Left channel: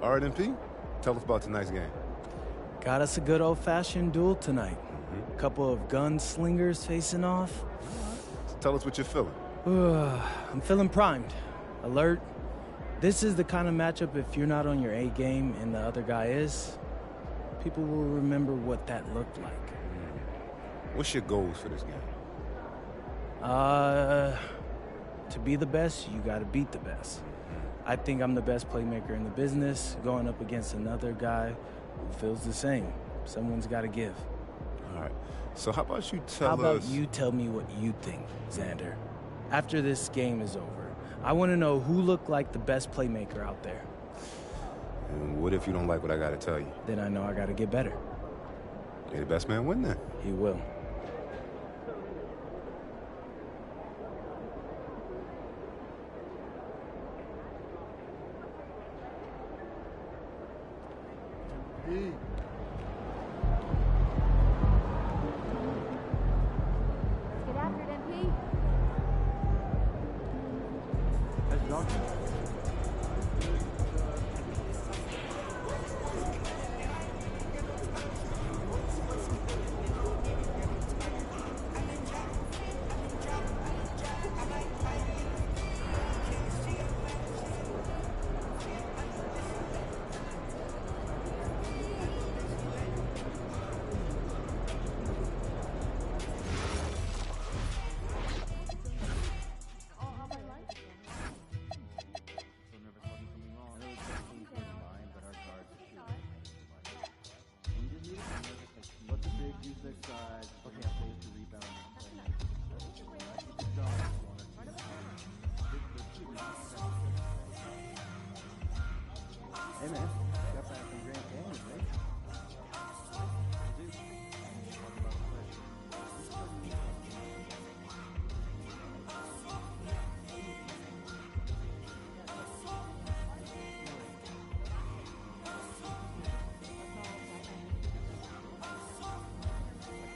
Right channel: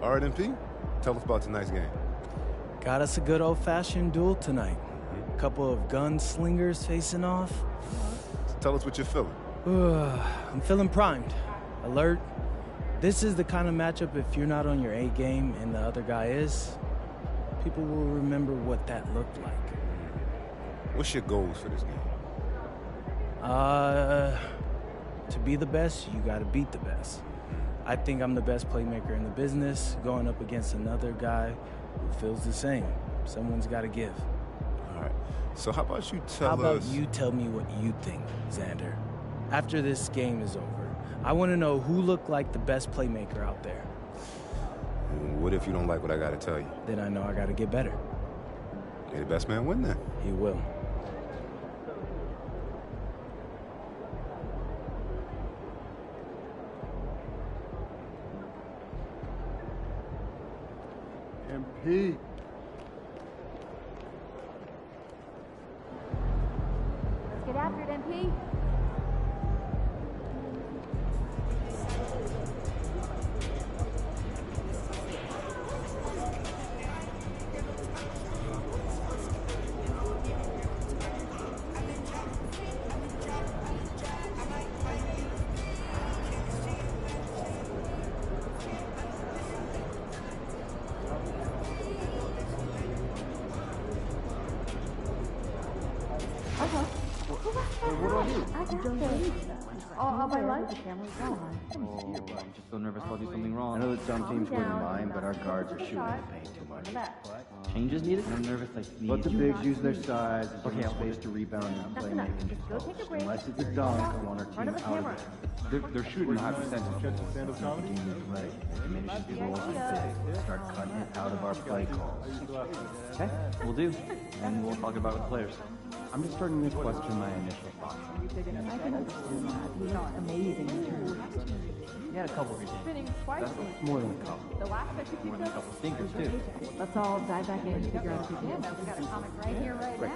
All right, MP, tell us about tonight's game. Got us a good old-fashioned duel tonight. Mm-hmm. A couple of gunslingers facing off. Tell us what you're feeling. I'm feeling primed, alert. This is the kind of matchup if you're not on your A game and the other guy is, people will remember what that looked like. What's your goals for this game? To be the best, you gotta beat the best. I think I'm the best playmaker in the business, going up against another guy who feels the same. Someone's gotta give. All right, so how about you tell us... How about you tell me what you think, Xander? After this game is over, I want to know who looked like the best playmaker out there. And what if you don't like what I gotta tell you? Then I know I gotta get better. May the best man win then. He will. MP. Let's get after it, MP. I know that some teams wouldn't mind, but our guards are shooting the paint too much. Changes needed? I'm nervous like Let the bigs use their size, okay, space to rebound and play making. Unless it's a dunk, I want our team out of it. They're shooting high percentage. Right. Maybe should be rolling start cutting it out of our play calls. Okay, we'll do. And we'll talk about it with players. I'm just starting to question my initial thoughts. Yeah, a couple of More than a couple. thinkers too. Let's all dive back in and figure out who we got a comic right here, right now.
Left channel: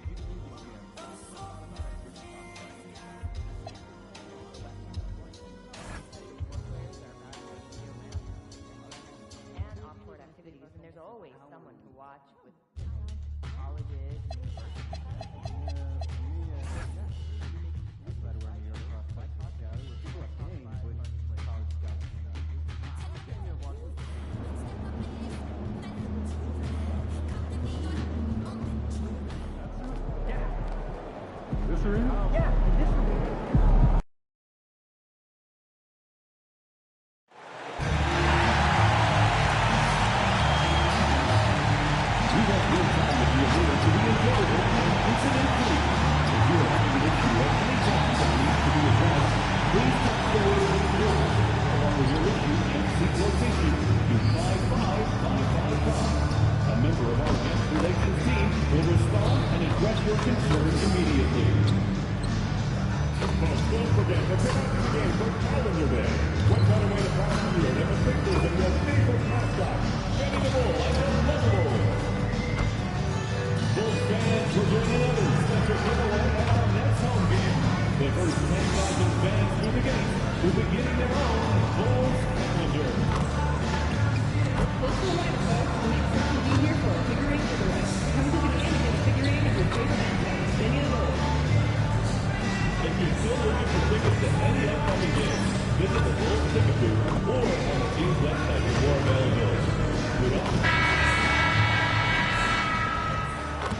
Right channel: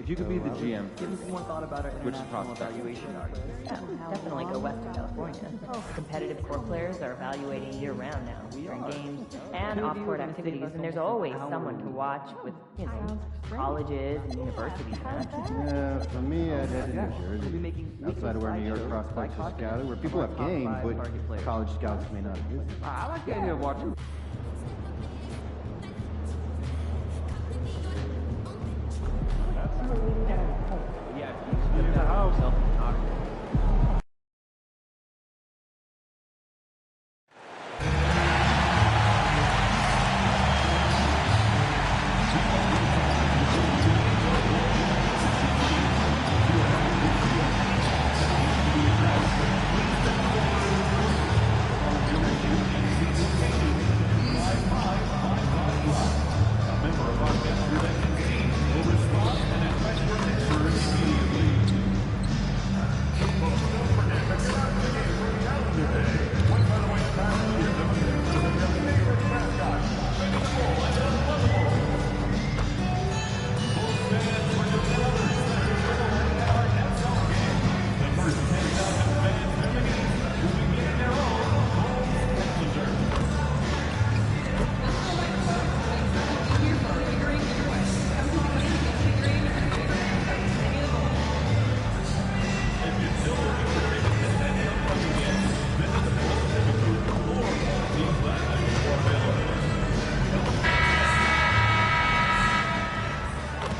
If you could be the GM, give me some more thought about it. Which prospect evaluation? Definitely go west to California. Competitive core players are evaluating year-round now, during games and off-court activities, and there's always someone to watch with, colleges and universities. Yeah, for me, I'd head to New Jersey. Outside of where New York prospects are scouted, where people have games, but college scouts may not use them. I like the idea of watching.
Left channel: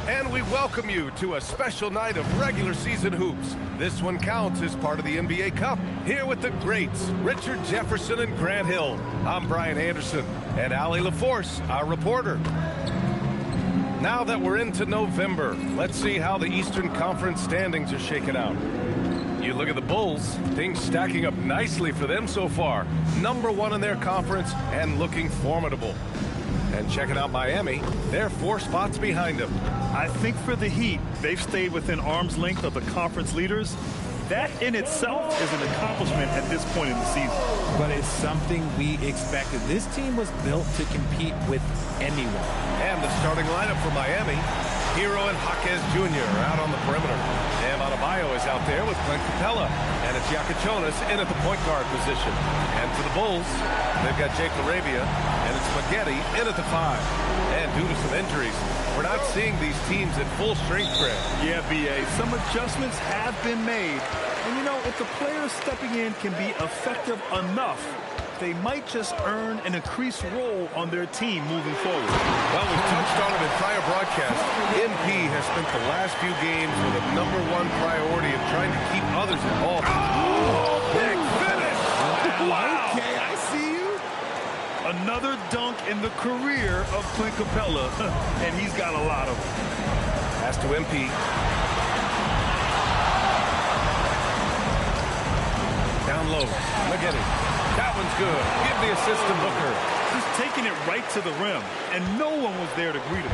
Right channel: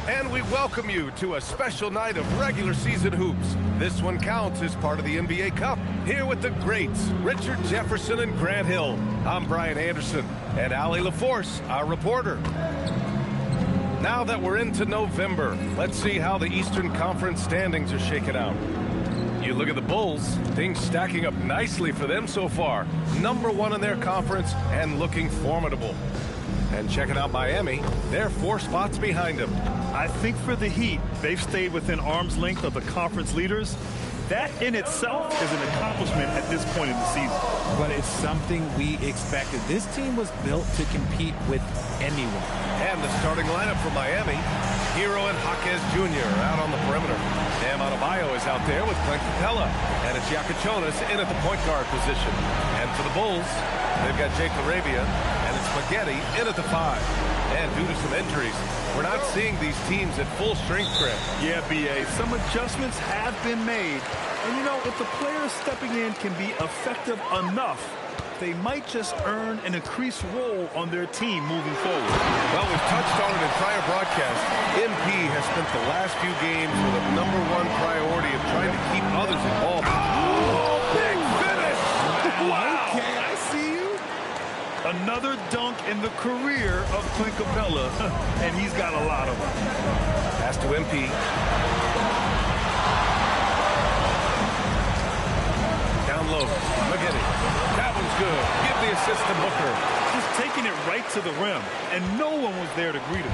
And we welcome you to a special night of regular season hoops. This one counts as part of the NBA Cup. Here with the greats, Richard Jefferson and Grant Hill. I'm Brian Anderson, and Allie LaForce, our reporter. Now that we're into November, let's see how the Eastern Conference standings are shaking out. You look at the Bulls, things stacking up nicely for them so far. #1 in their conference and looking formidable. And checking out Miami, they're 4 spots behind them. I think for the Heat, they've stayed within arm's length of the conference leaders. That in itself is an accomplishment at this point in the season. But it's something we expected. This team was built to compete with anyone. And the starting lineup for Miami, Hero and Jaquez Jr. are out on the perimeter. Bam Adebayo is out there with Clint Capella. And it's Yakachonis in at the point guard position. And for the Bulls, They've got Jake LaRavia, and it's Spaghetti in at the 5. And due to some injuries, we're not seeing these teams at full strength, Greg. Yeah, B.A., some adjustments have been made. And, you know, if the players stepping in can be effective enough, they might just earn an increased role on their team moving forward. Well, we've touched on it in prior broadcasts. MP has spent the last few games with a #1 priority of trying to keep others involved. Oh, big finish! Wow. Okay, I see you. Another dunk in the career of Clint Capella, and he's got a lot of them. Pass to MP. Down low, Spaghetti. That one's good. Give the assist to Booker. Just taking it right to the rim, and no one was there to greet him.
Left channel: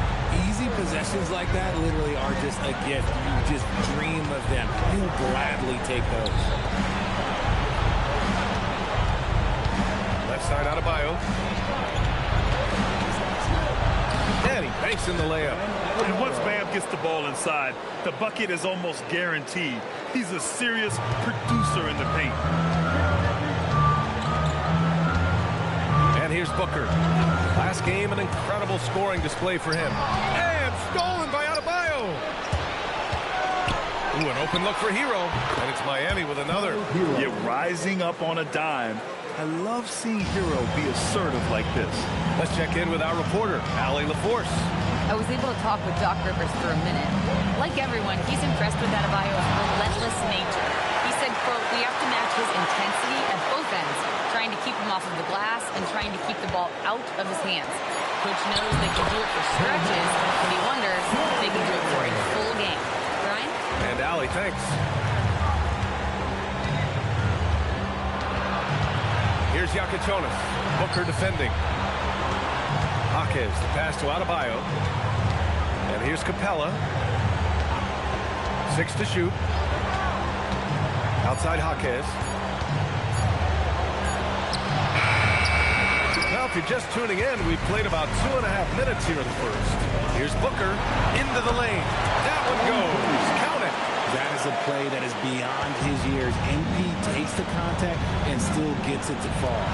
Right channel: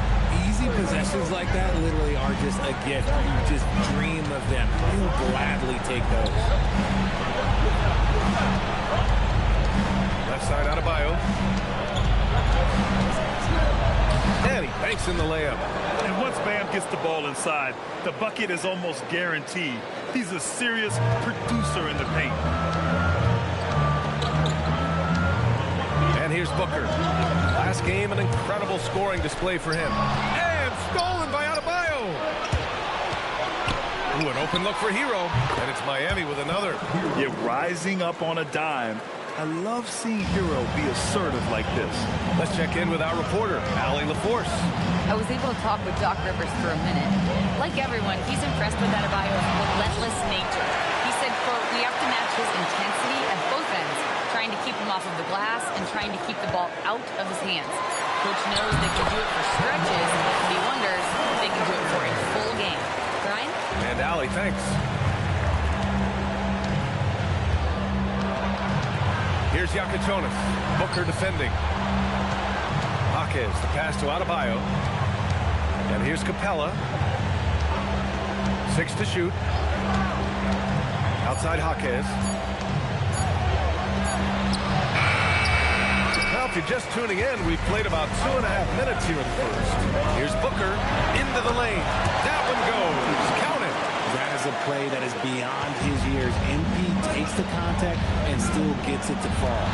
Easy possessions like that literally are just a gift. You just dream of them. He'll gladly take those. Left side Adebayo. And he banks in the layup. And once Bam gets the ball inside, the bucket is almost guaranteed. He's a serious producer in the paint. And here's Booker. Last game, an incredible scoring display for him. And stolen by Adebayo. Ooh, an open look for Hero. And it's Miami with another. Yeah, rising up on a dime. I love seeing Hero be assertive like this. Let's check in with our reporter, Allie LaForce. I was able to talk with Doc Rivers for a minute. Like everyone, he's impressed with Adebayo's relentless nature. He said, quote, "We have to match his intensity at both ends, trying to keep him off of the glass and trying to keep the ball out of his hands. Coach knows they can do it for stretches, but he wonders if they can do it for a full game." Brian? And Allie, thanks. Here's Yakachonis. Booker defending. Jaquez, the pass to Adebayo. And here's Capella. 6 to shoot. Outside Jaquez. Well, if you're just tuning in, we've played about 2.5 minutes here in the first. Here's Booker into the lane. That one goes. Count it. That is a play that is beyond his years. MP takes the contact and still gets it to fall.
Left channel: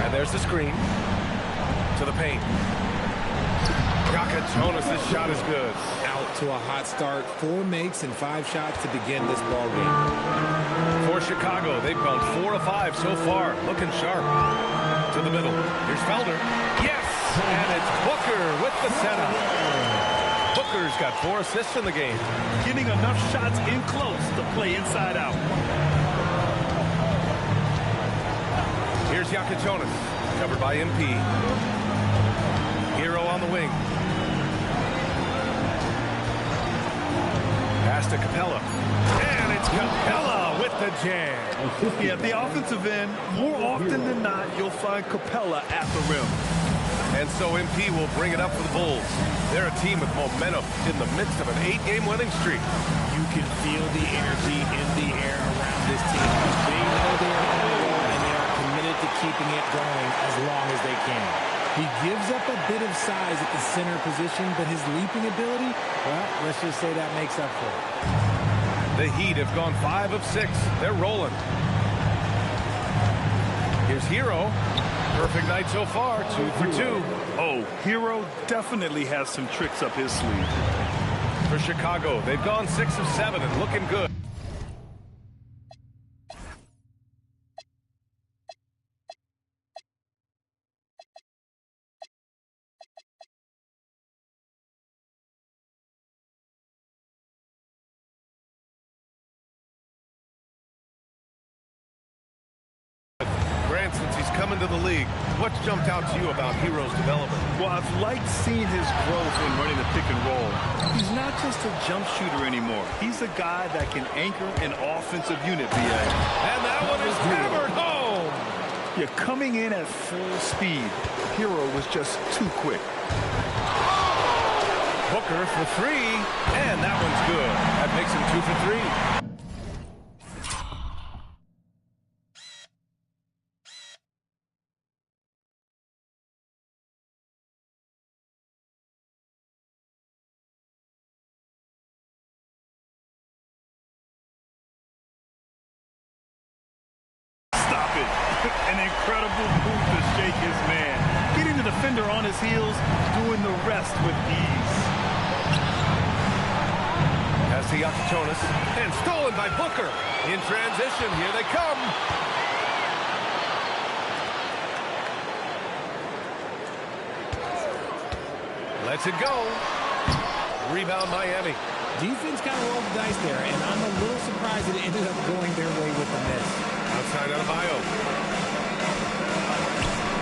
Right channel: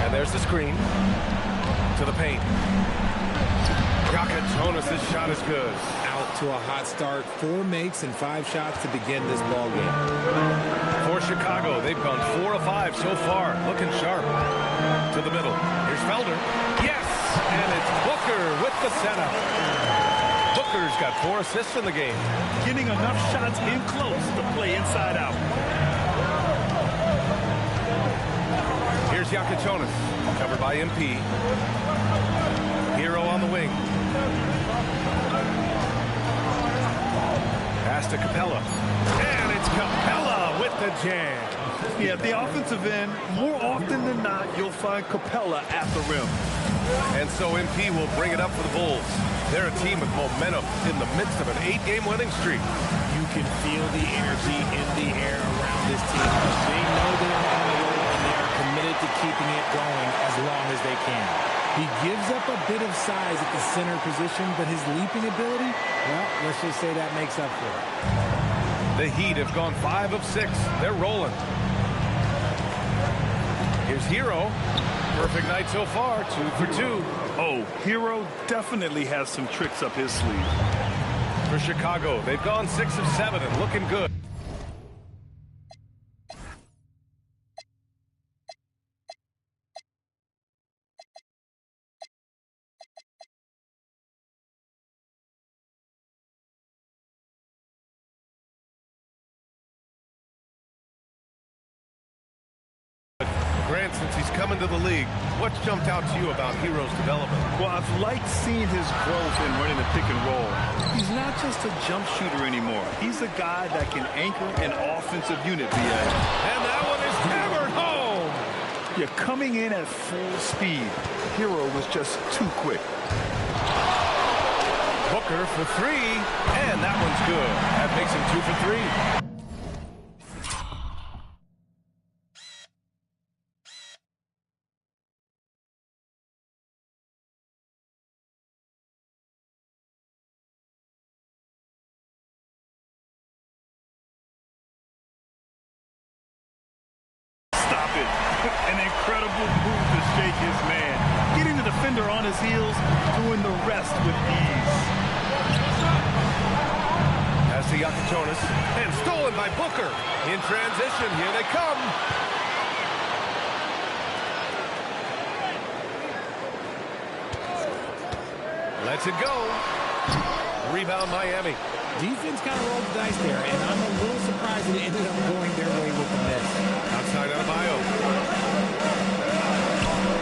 And there's the screen to the paint. Yakachonis, this shot is good. Out to a hot start. 4 makes and 5 shots to begin this ball game. For Chicago, they've gone 4 of 5 so far. Looking sharp. To the middle. Here's Felder. Yes! And it's Booker with the setup. Booker's got 4 assists in the game. Getting enough shots in close to play inside out. Here's Yakachonis, covered by MP. Hero on the wing. Pass to Capella. And it's Capella with the jam. Yeah, the offensive end, more often than not, you'll find Capella at the rim. And so MP will bring it up for the Bulls. They're a team with momentum in the midst of an 8-game winning streak. You can feel the energy in the air around this team. They know they are on a roll, and they are committed to keeping it going as long as they can. He gives up a bit of size at the center position, but his leaping ability, well, let's just say that makes up for it. The Heat have gone 5 of 6. They're rolling. Here's Hero. Perfect night so far, 2 for 2. Oh, Hero definitely has some tricks up his sleeve. For Chicago, they've gone 6 of 7 and looking good. Grant, since he's come into the league, what's jumped out to you about Hero's development? Well, I've liked seeing his growth in running the pick and roll. He's not just a jump shooter anymore. He's a guy that can anchor an offensive unit, B.A. And that one is hammered home. Yeah, coming in at full speed. Hero was just too quick. Booker for 3, and that one's good. That makes him 2 for 3. his man, getting the defender on his heels, doing the rest with ease. Pass to Yakatonis, and stolen by Booker. In transition, here they come. Lets it go. Rebound Miami. Defense kind of rolled the dice there, and I'm a little surprised that it ended up going their way with the miss. Outside Adebayo.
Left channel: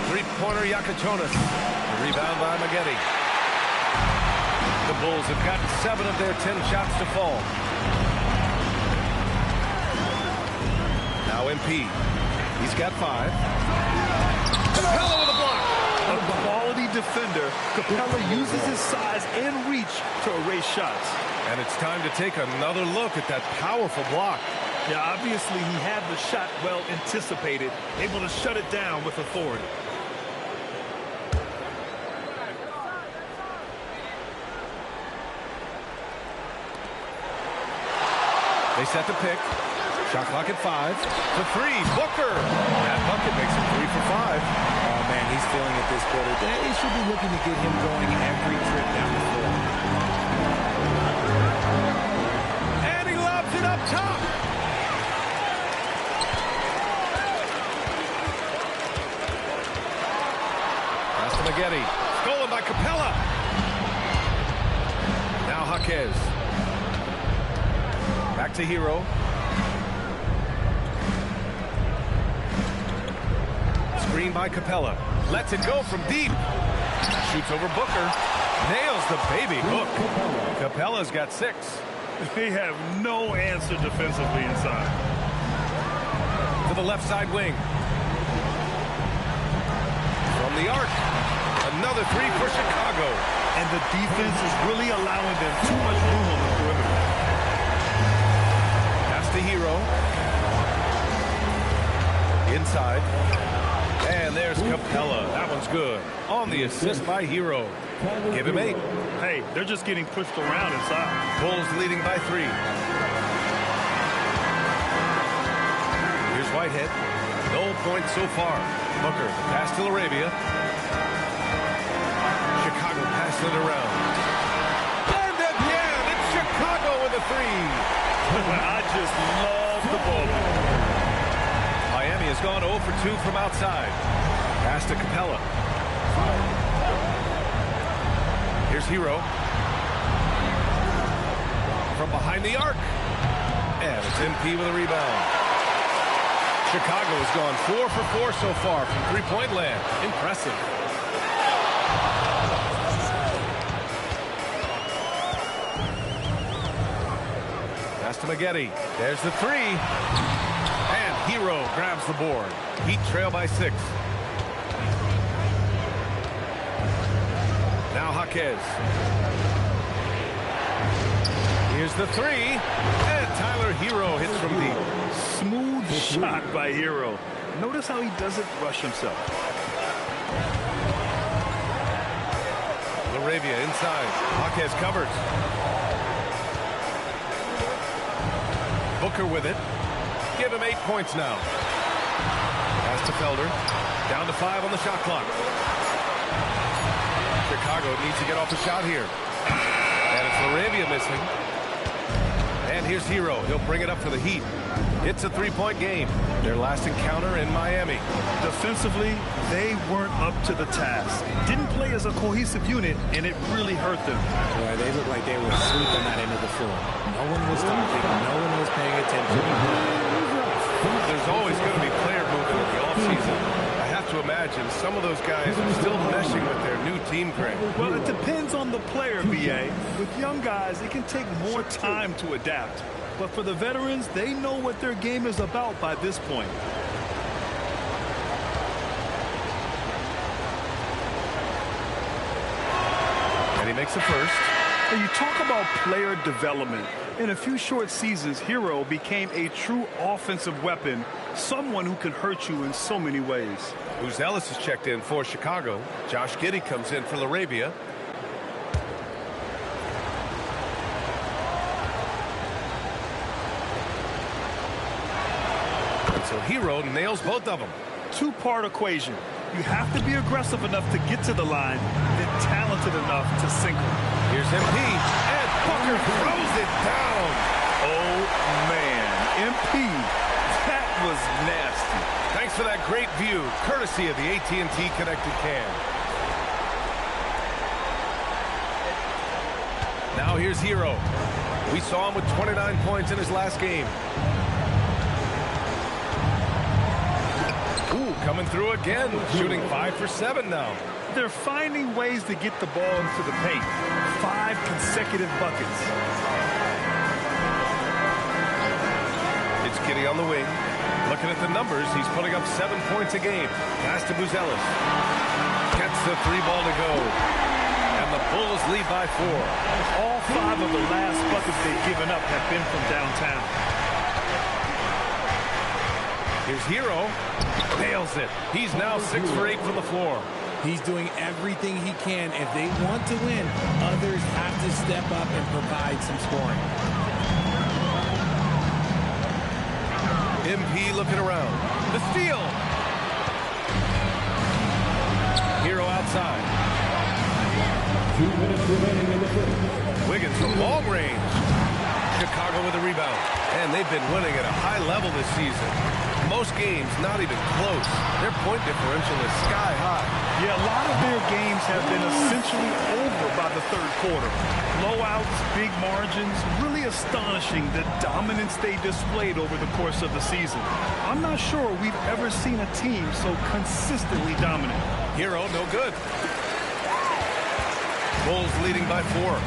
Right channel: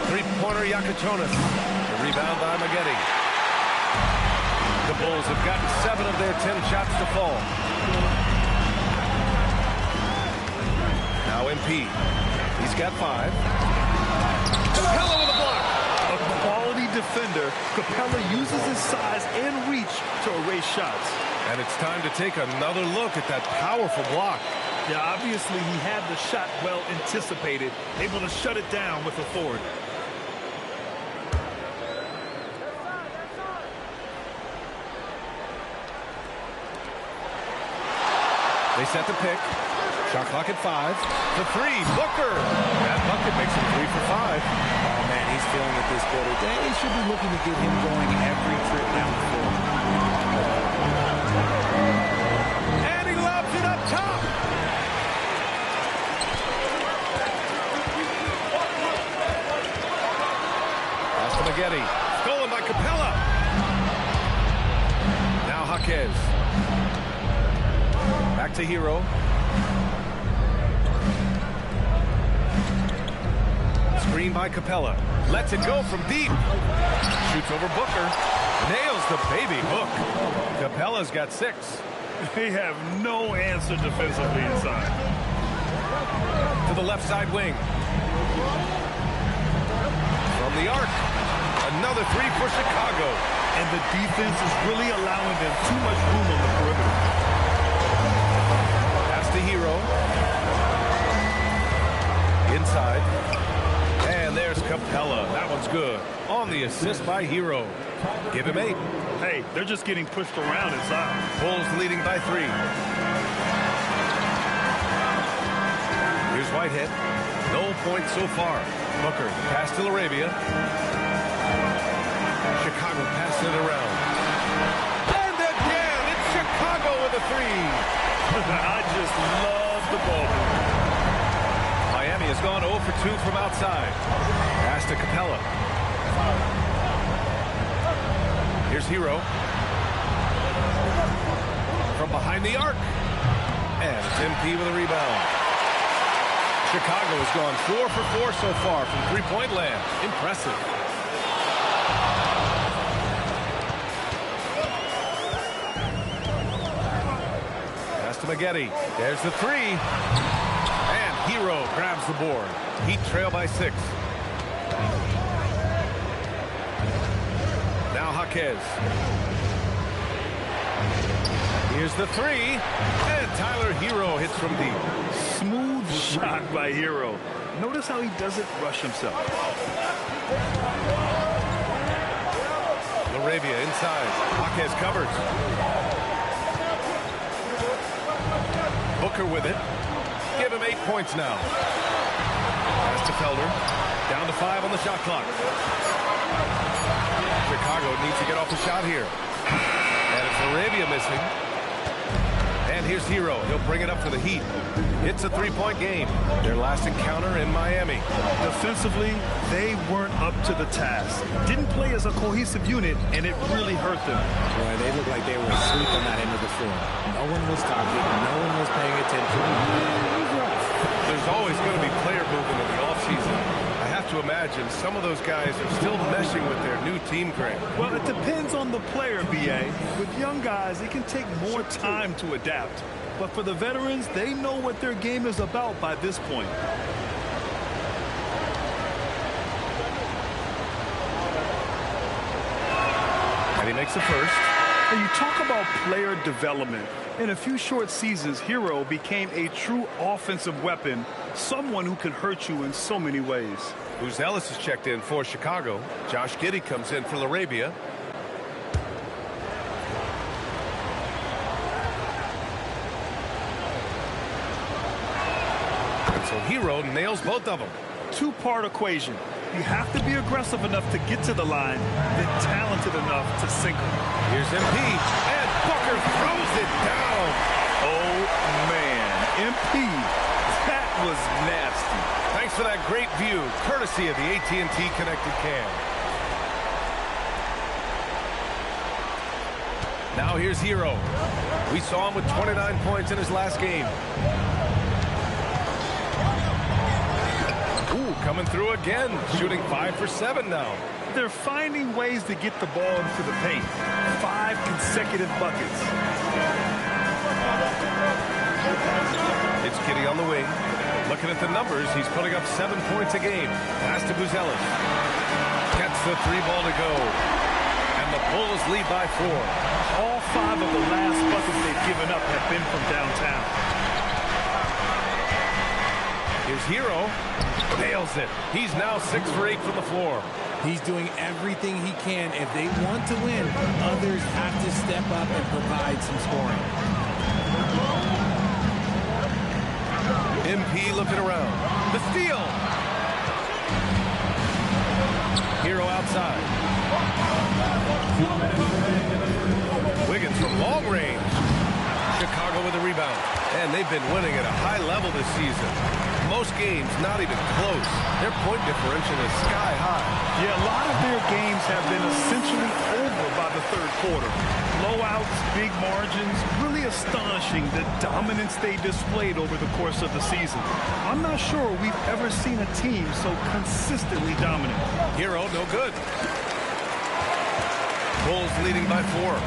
Three-pointer Yakatonis. The rebound by Maggette. The Bulls have gotten 7 of their 10 shots to fall. Now MP. He's got 5. Capella with a block. A quality defender, Capella uses his size and reach to erase shots. And it's time to take another look at that powerful block. Yeah, obviously he had the shot well anticipated, able to shut it down with authority. They set the pick. Shot clock at 5. The 3, Booker. That bucket makes him 3 for 5. Oh, man, he's feeling it this quarter. They should be looking to get him going every trip down the floor. And he lobs it up top. Pass to Maggette. Stolen by Capella. Now Jaquez. Back to Hero. Screen by Capella. Lets it go from deep. Shoots over Booker. Nails the baby hook. Capella's got 6. They have no answer defensively inside. To the left side wing. From the arc. Another 3 for Chicago. And the defense is really allowing them too much room on the perimeter. Pass to Hero. Inside. And there's Capella. That one's good. On the assist by Hero. Give him 8. Hey, they're just getting pushed around inside. Bulls leading by 3. Here's Whitehead. No points so far. Booker, the pass to Arabia. Chicago passing it around. And again, it's Chicago with a 3. I just love the ball. Miami has gone 0 for 2 from outside. Pass to Capella. Here's Hero. From behind the arc. And it's MP with a rebound. Chicago has gone 4 for 4 so far from three-point land. Impressive. Pass to Maggette. There's the 3. And Hero grabs the board. Heat trail by 6. Now Jaquez. Here's the 3. And Tyler Hero hits from deep. Smooth shot by Hero. Notice how he doesn't rush himself. Laravia inside. Jaquez covers. Booker with it. Give him 8 points now. Pass to Felder. Down to 5 on the shot clock. Chicago needs to get off the shot here. And it's Laravia missing. And here's Hero. He'll bring it up for the Heat. It's a 3-point game. Their last encounter in Miami. Defensively, they weren't up to the task. Didn't play as a cohesive unit, and it really hurt them. Boy, they looked like they were asleep on that end of the floor. No one was talking. No one was paying attention. It was rough. There's always going to be player movement in the offseason. I have to imagine some of those guys are still meshing with their new team, Grant. Well, it depends on the player, B.A. With young guys, it can take more time to adapt. But for the veterans, they know what their game is about by this point. And he makes the first. And you talk about player development. In a few short seasons, Hero became a true offensive weapon, someone who can hurt you in so many ways. Who's Ellis is checked in for Chicago. Josh Giddey comes in for Laravia. And so Hero nails both of them. Two-part equation. You have to be aggressive enough to get to the line, then talented enough to sink them. Here's MP, and Booker throws it down. Oh, man. MP, that was nasty. Thanks for that great view, courtesy of the AT&T Connected Cam. Now here's Hero. We saw him with 29 points in his last game. Ooh, coming through again, shooting 5 for 7 now. They're finding ways to get the ball into the paint. 5 consecutive buckets. It's Giddey on the wing. Looking at the numbers, he's putting up 7 points a game. Pass to Buzelis. Gets the 3 ball to go. And the Bulls lead by 4. All 5 of the last buckets they've given up have been from downtown. Here's Hero. Nails it. He's now 6 for 8 from the floor. He's doing everything he can. If they want to win, others have to step up and provide some scoring. MP looking around. The steal. Hero outside. 2 minutes remaining in the first. Wiggins from long range. Chicago with a rebound. And they've been winning at a high level this season. Most games not even close. Their point differential is sky high. Yeah, a lot of their games have been essentially over by the third quarter. Blowouts, big margins, really astonishing the dominance they displayed over the course of the season. I'm not sure we've ever seen a team so consistently dominant. Hero, no good. Bulls leading by 4.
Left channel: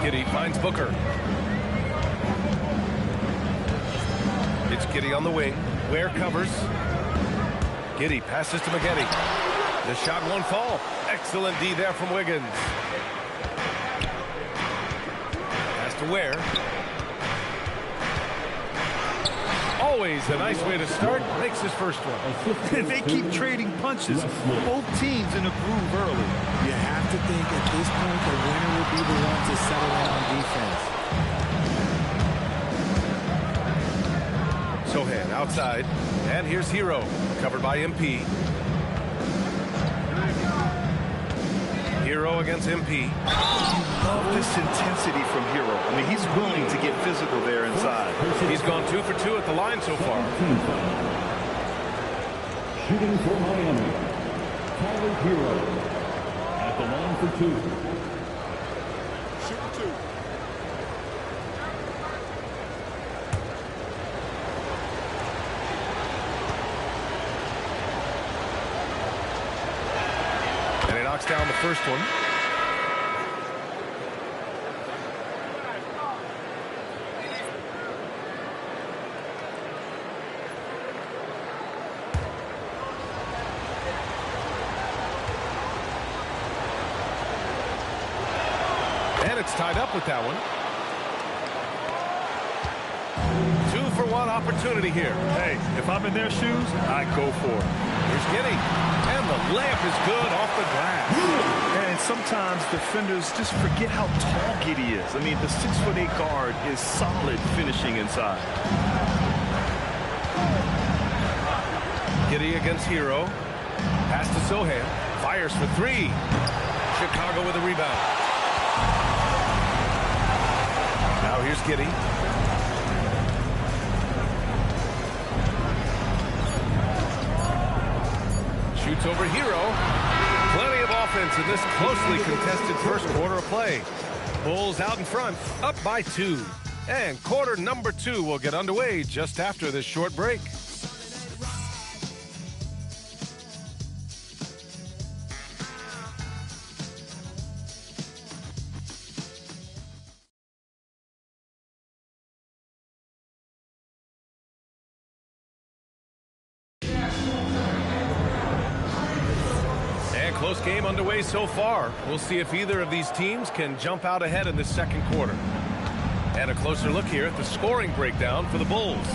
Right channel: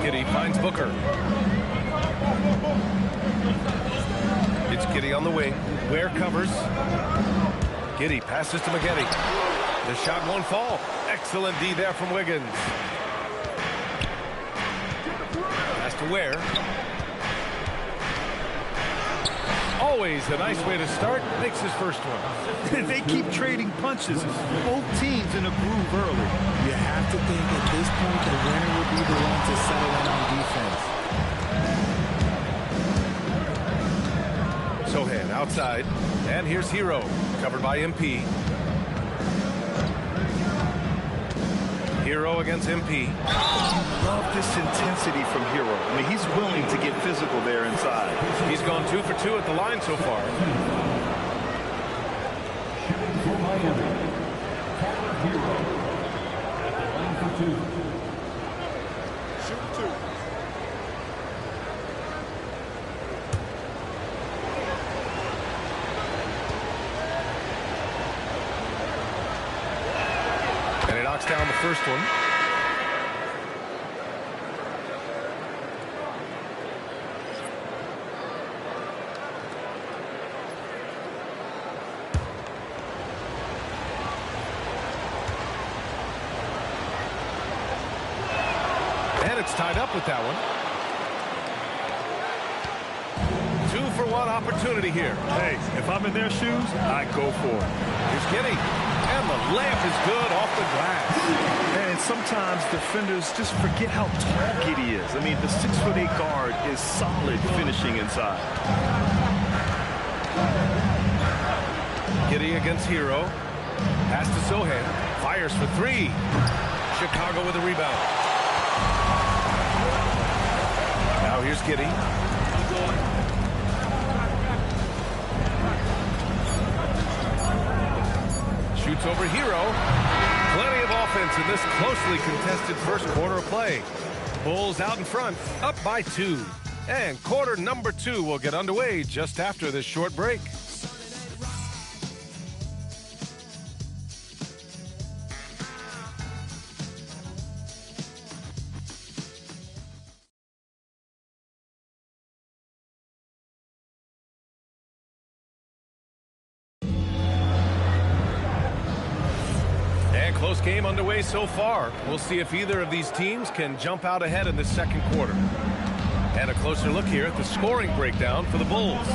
Giddey finds Booker. It's Giddey on the wing. Ware covers. Giddey passes to McGetty. The shot won't fall. Excellent D there from Wiggins. Pass to Ware. Always a nice way to start. Makes his first one. They keep trading punches. Both teams in a groove early. You have to think at this point the winner would be the one to settle in on defense. Sohan outside. And here's Hero. Covered by MP. Hero against MP. You love this intensity from Hero. I mean, he's willing to get physical there inside. He's gone 2 for 2 at the line so far. Shooting for Miami, Tyler Hero at the line for 2. Shoot 2. And he knocks down the first one. And it's tied up with that one. 2 for 1 opportunity here. Hey, if I'm in their shoes, I go for it. Here's Giddey. And the layup is good off the glass. And sometimes defenders just forget how tall Giddey is. I mean, the 6'8" guard is solid finishing inside. Giddey against Hero. Pass to Sohan. Fires for 3. Chicago with a rebound. Now here's Giddey. Shoots over Hero. Plenty of offense in this closely contested first quarter of play. Bulls out in front, up by 2. And quarter number 2 will get underway just after this short break. Close game underway so far. We'll see if either of these teams can jump out ahead in the second quarter. And a closer look here at the scoring breakdown for the Bulls.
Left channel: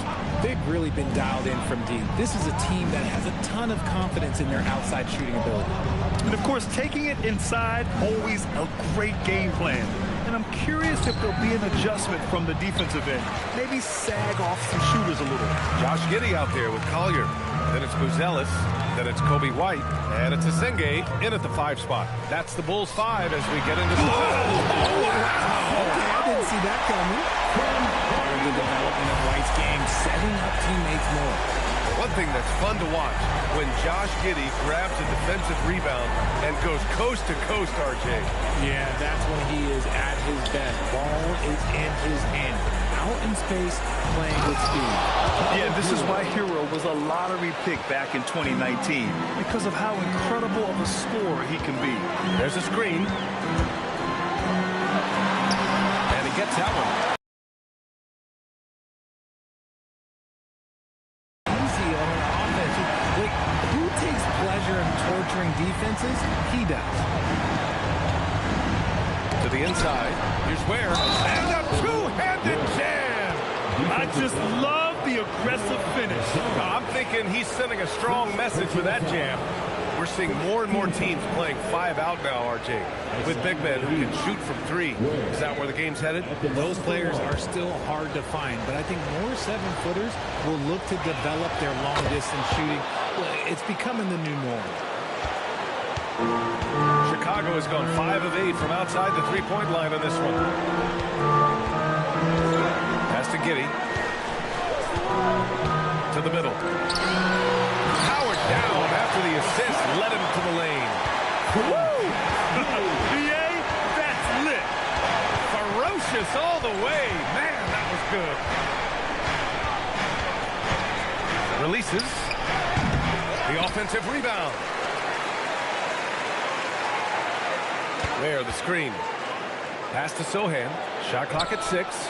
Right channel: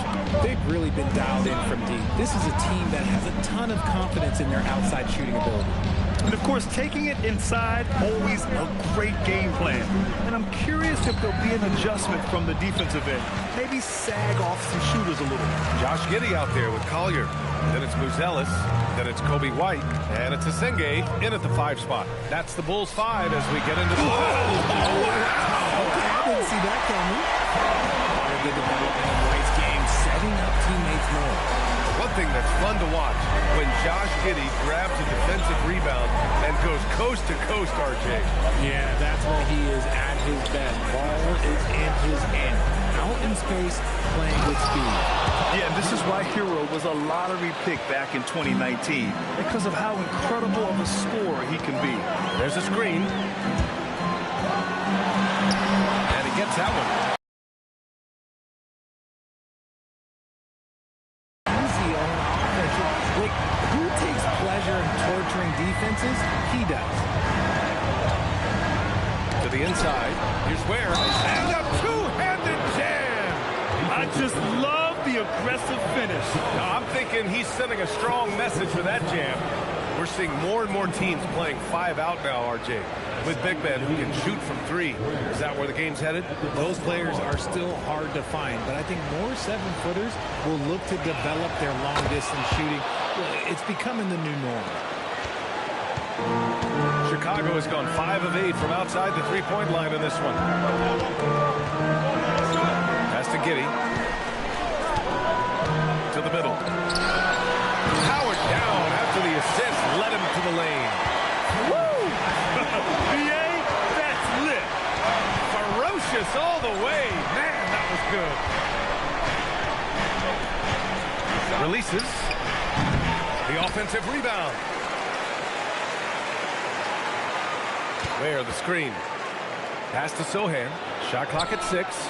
They've really been dialed in from deep. This is a team that has a ton of confidence in their outside shooting ability. And, of course, taking it inside, always a great game plan. And I'm curious if there'll be an adjustment from the defensive end. Maybe sag off some shooters a little. Josh Giddey out there with Collier. Then it's Buzelis. Then it's Kobe White. And it's Asenge in at the 5 spot. That's the Bulls 5 as we get into the... Oh, wow! Okay, I didn't see that coming. Part of the development of White's game, setting up teammates more. One thing that's fun to watch, when Josh Giddey grabs a defensive rebound and goes coast to coast, RJ. Yeah, that's when he is at his best. Ball is in his hand. Out in space, playing with speed. Yeah, and this is why Hero was a lottery pick back in 2019, because of how incredible of a scorer he can be. There's a screen. And he gets that one. Easy on offense. Like, who takes pleasure in torturing defenses? He does. To the inside. Here's Ware. And a two-handed jam. I just love the aggressive finish. I'm thinking he's sending a strong message with that jam. We're seeing more and more teams playing 5 out now, RJ, with big men who can shoot from 3. Is that where the game's headed? Those players are still hard to find, but I think more 7-footers will look to develop their long-distance shooting. It's becoming the new norm. Chicago has gone 5 of 8 from outside the three-point line in this one. Pass to Giddey. To the middle. Howard down after the assist led him to the lane. Woo! VA, that's lit. Ferocious all the way. Man, that was good. Releases. The offensive rebound. Where the screen. Pass to Sohan. Shot clock at 6.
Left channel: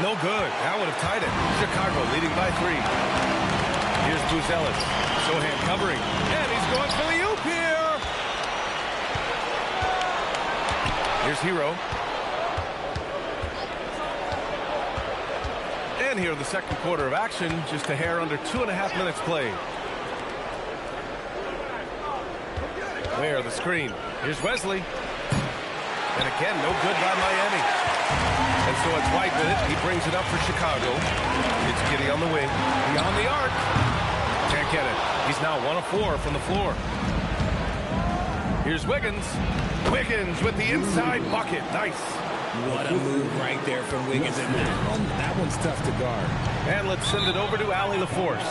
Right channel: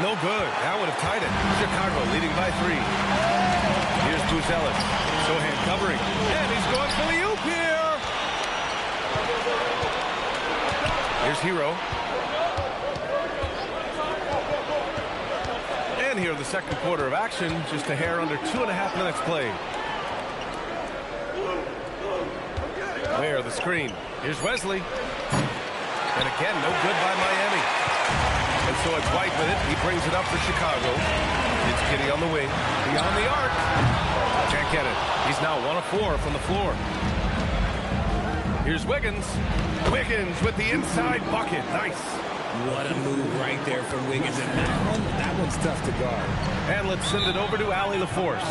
No good. That would have tied it. Chicago leading by 3. Here's Buzelis. Sohan covering. And he's going for the oop here. Here's Hero. And here in the second quarter of action, just a hair under 2.5 minutes played. Where the screen. Here's Wesley. And again, no good by Miami. And so it's White with it. He brings it up for Chicago. It's Giddey on the wing. Beyond the arc. Can't get it. He's now 1 of 4 from the floor. Here's Wiggins. Wiggins with the inside bucket. Nice. What a move right there from Wiggins. And that one's tough to guard. And let's send it over to Allie LaForce.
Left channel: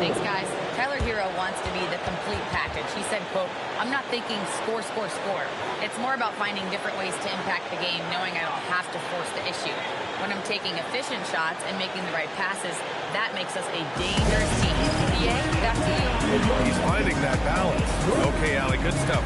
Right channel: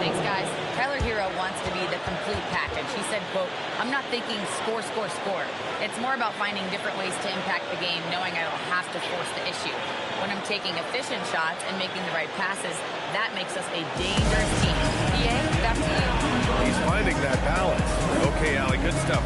Thanks, guys. Tyler Hero wants to be the complete package. He said, quote, "I'm not thinking score, score, score. It's more about finding different ways to impact the game, knowing I don't have to force the issue. When I'm taking efficient shots and making the right passes, that makes us a dangerous team." PA, back to you. He's finding that balance. Okay, Allie, good stuff.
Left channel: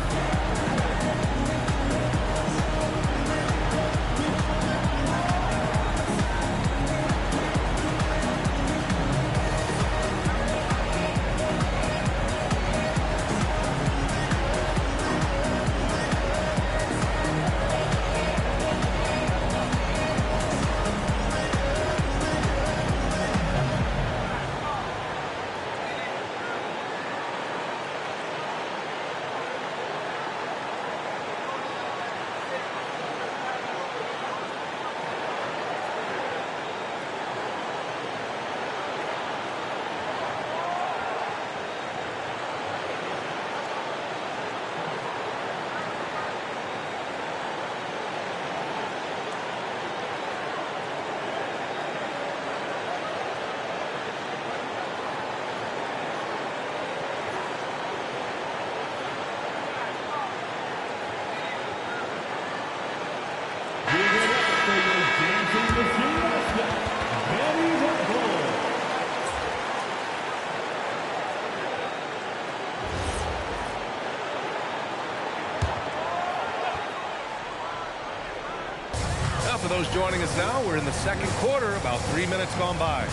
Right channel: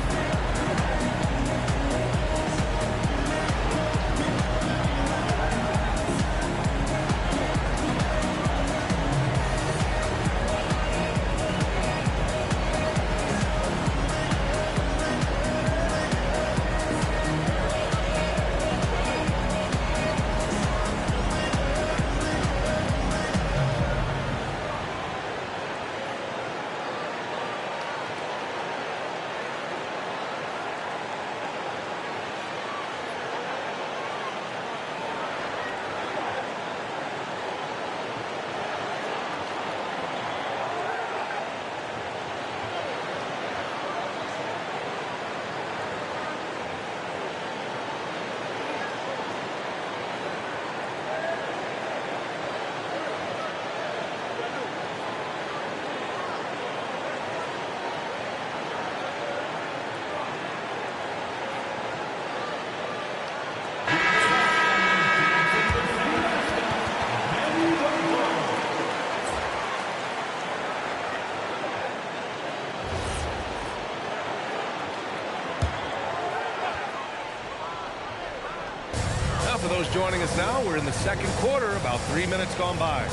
For those joining us now, we're in the second quarter, about 3 minutes gone by.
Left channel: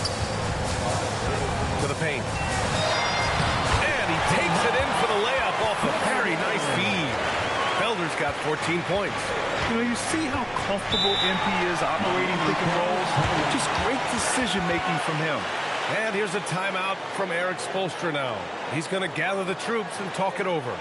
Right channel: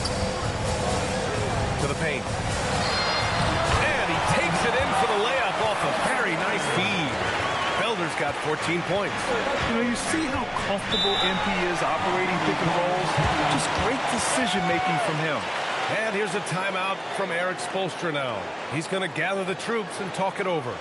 To the paint. And he takes it in for the layup off a very nice feed. Felder's got 14 points. You know, you see how comfortable MP is operating pick and rolls. Just great decision-making from him. And here's a timeout from Eric Spoelstra now. He's going to gather the troops and talk it over.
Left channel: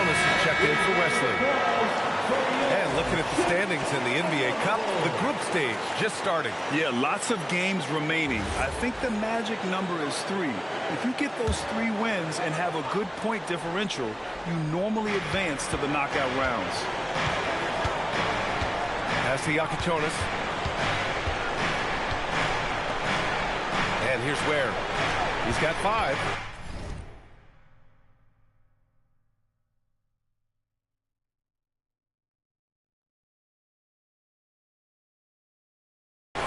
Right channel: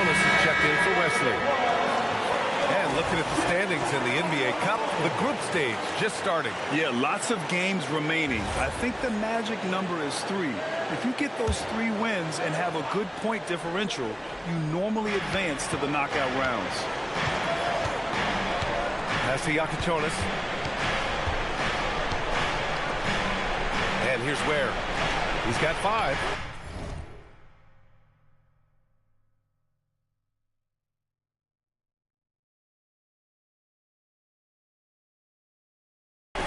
Yakatonis is checked in for Wesley. And looking at the standings in the NBA Cup, the group stage just starting. Yeah, lots of games remaining. I think the magic number is 3. If you get those 3 wins and have a good point differential, you normally advance to the knockout rounds. Pass to Yakatonis. And here's Ware. He's got 5.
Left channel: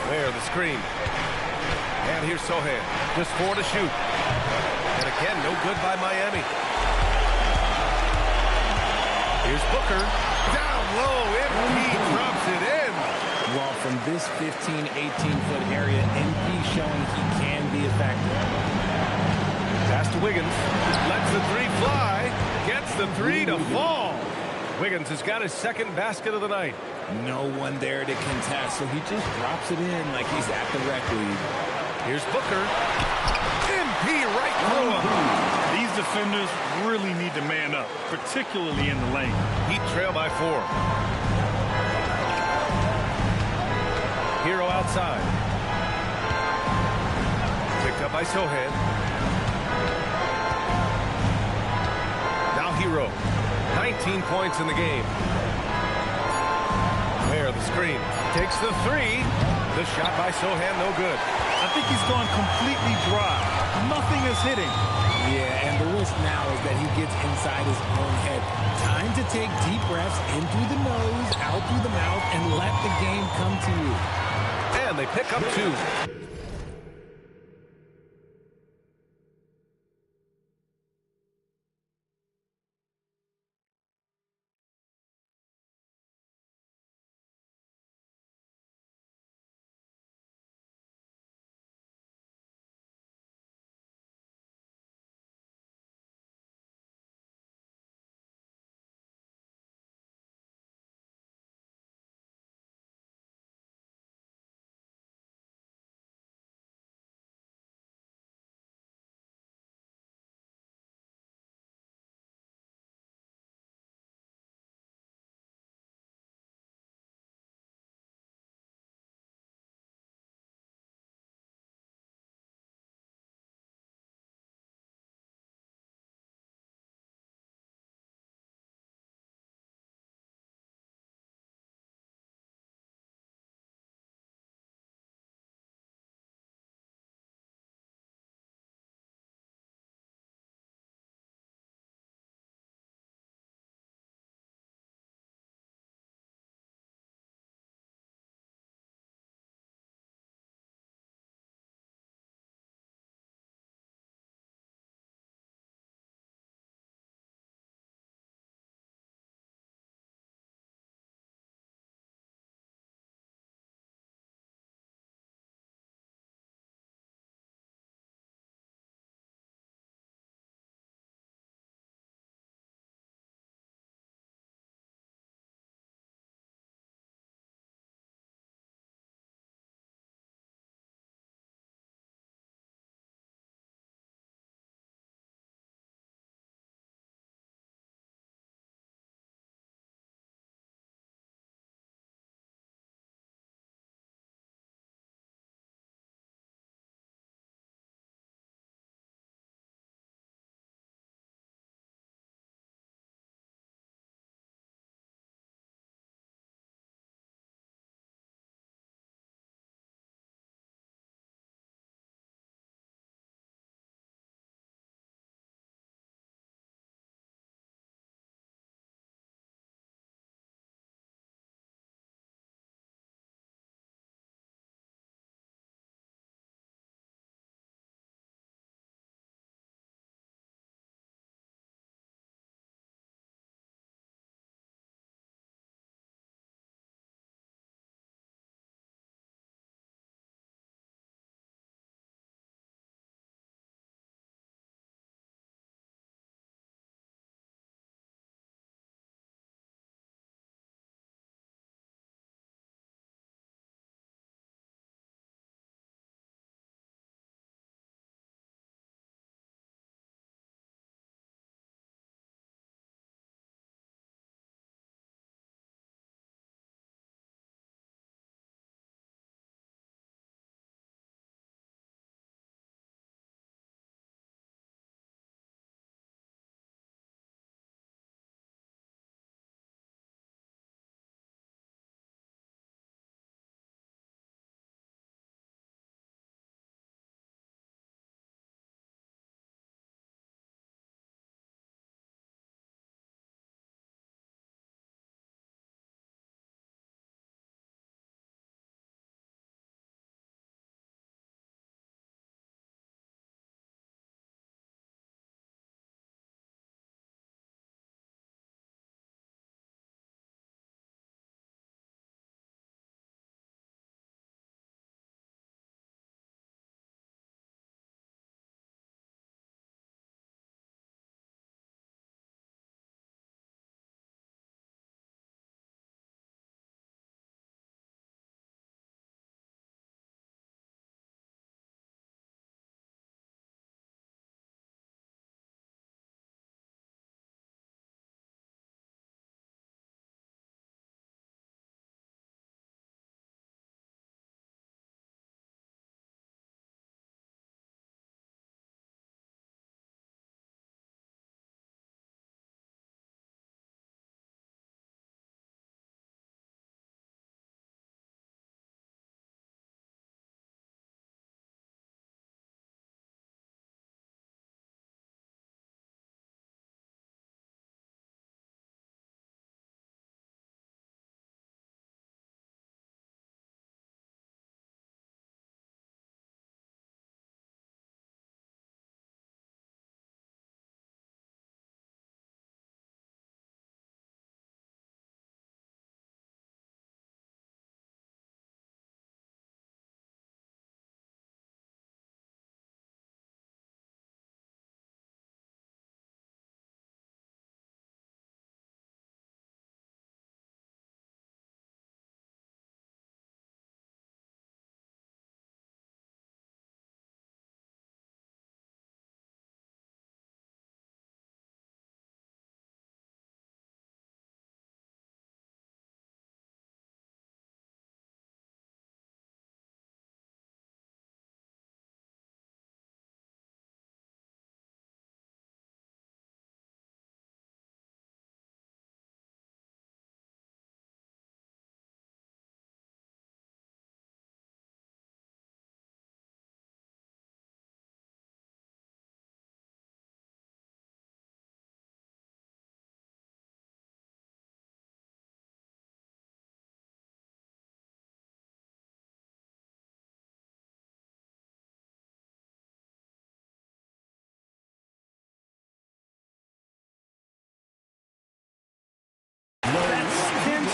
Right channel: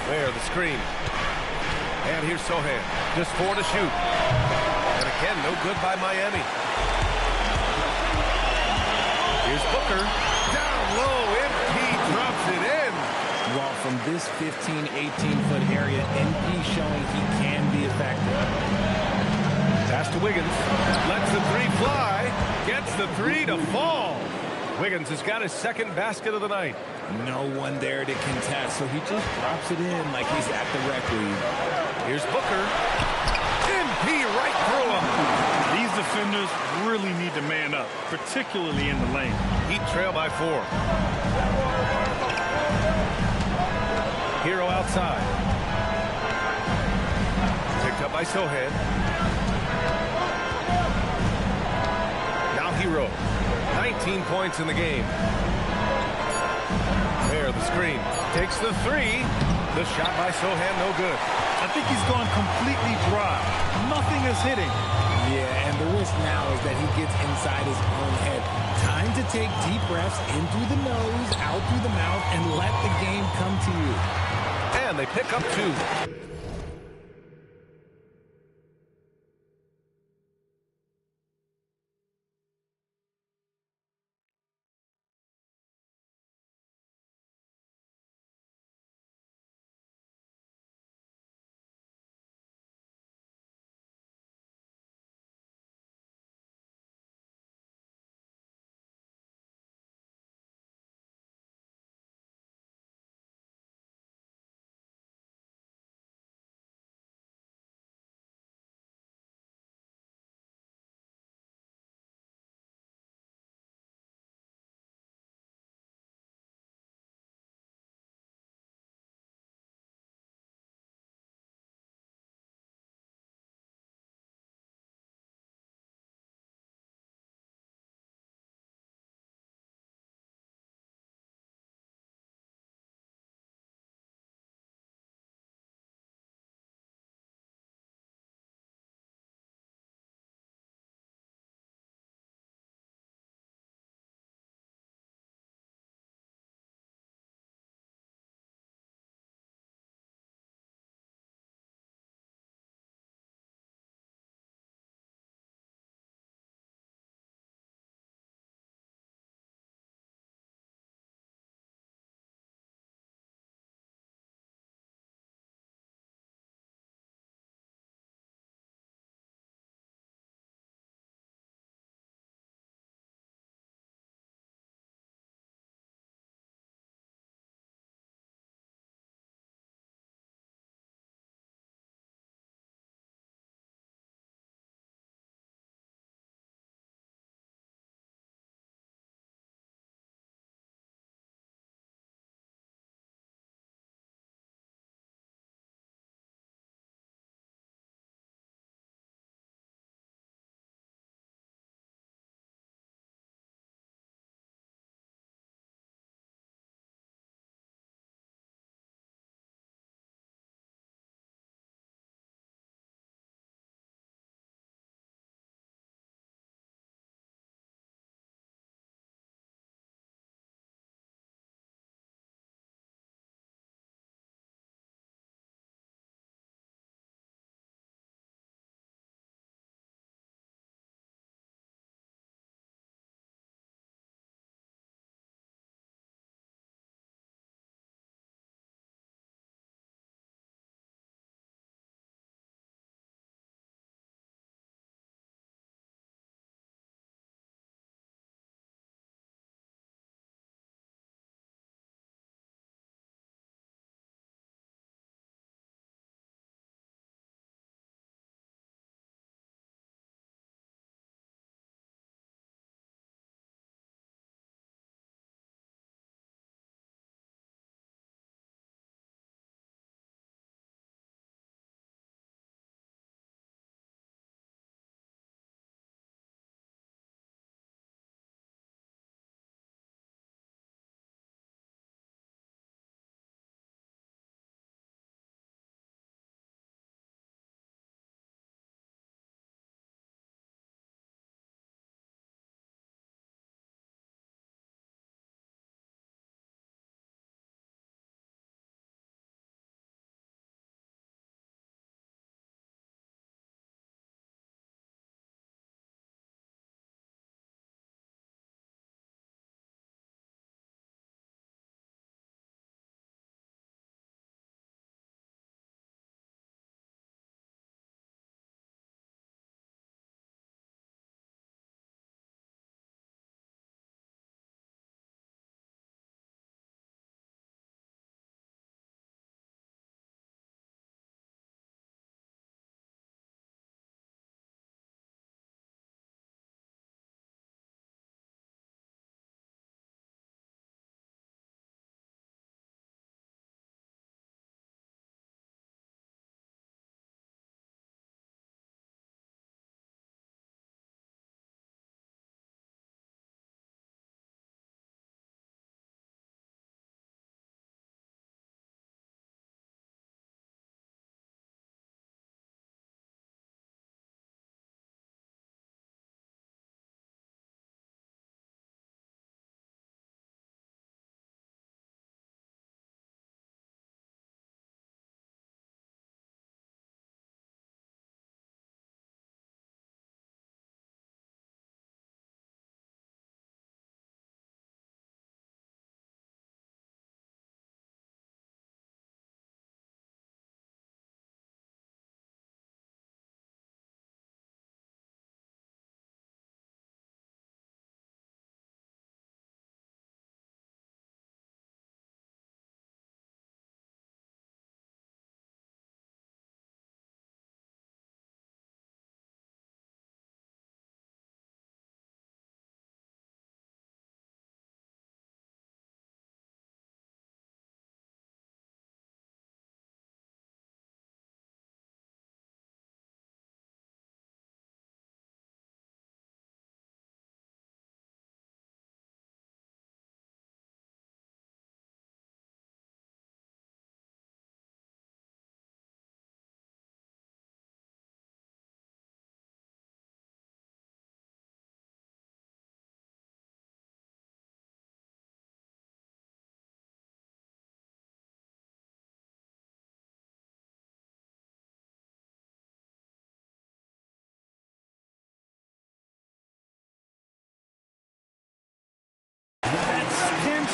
Ware, the screen. And here's Sohan. Just 4 to shoot. And again, no good by Miami. Here's Booker. Down low. MP drops it in. Well, from this 15, 18-foot area, MP showing he can be effective. Pass to Wiggins. Lets the 3 fly. Gets the 3 to fall. Wiggins has got his second basket of the night. No one there to contest, so he just drops it in like he's at the rec league. Here's Booker. MP right through him. These defenders really need to man up, particularly in the lane. Heat trail by 4. Hero outside. Picked up by Sohan. Now Hero. 19 points in the game. There, the screen. Takes the 3. The shot by Sohan, no good. I think he's gone completely dry. Nothing is hitting. Yeah, and the risk now is that he gets inside his own head. Time to take deep breaths in through the nose, out through the mouth, and let the game come to you. And they pick up 2.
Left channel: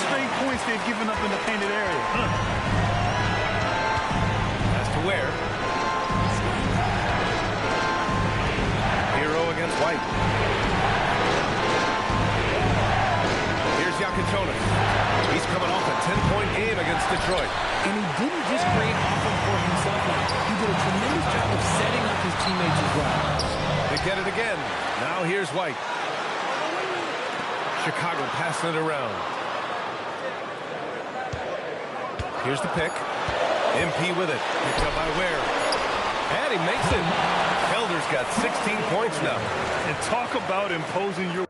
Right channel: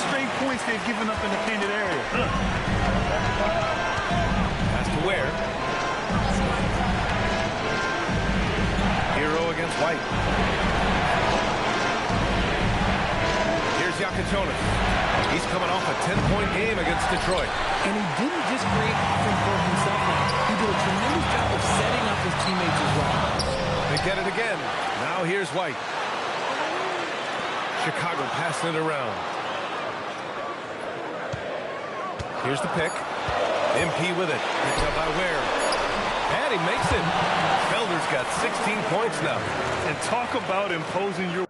straight points they've given up in the painted area. Pass to Ware. Hero against White. Here's Yakatonis. He's coming off a 10-point game against Detroit. And he didn't just create offense for himself now. He did a tremendous job of setting up his teammates as well. They get it again. Now here's White. Chicago passing it around. Here's the pick. MP with it. Picked up by Ware. And he makes it. Felder's got 16 points now. And talk about imposing your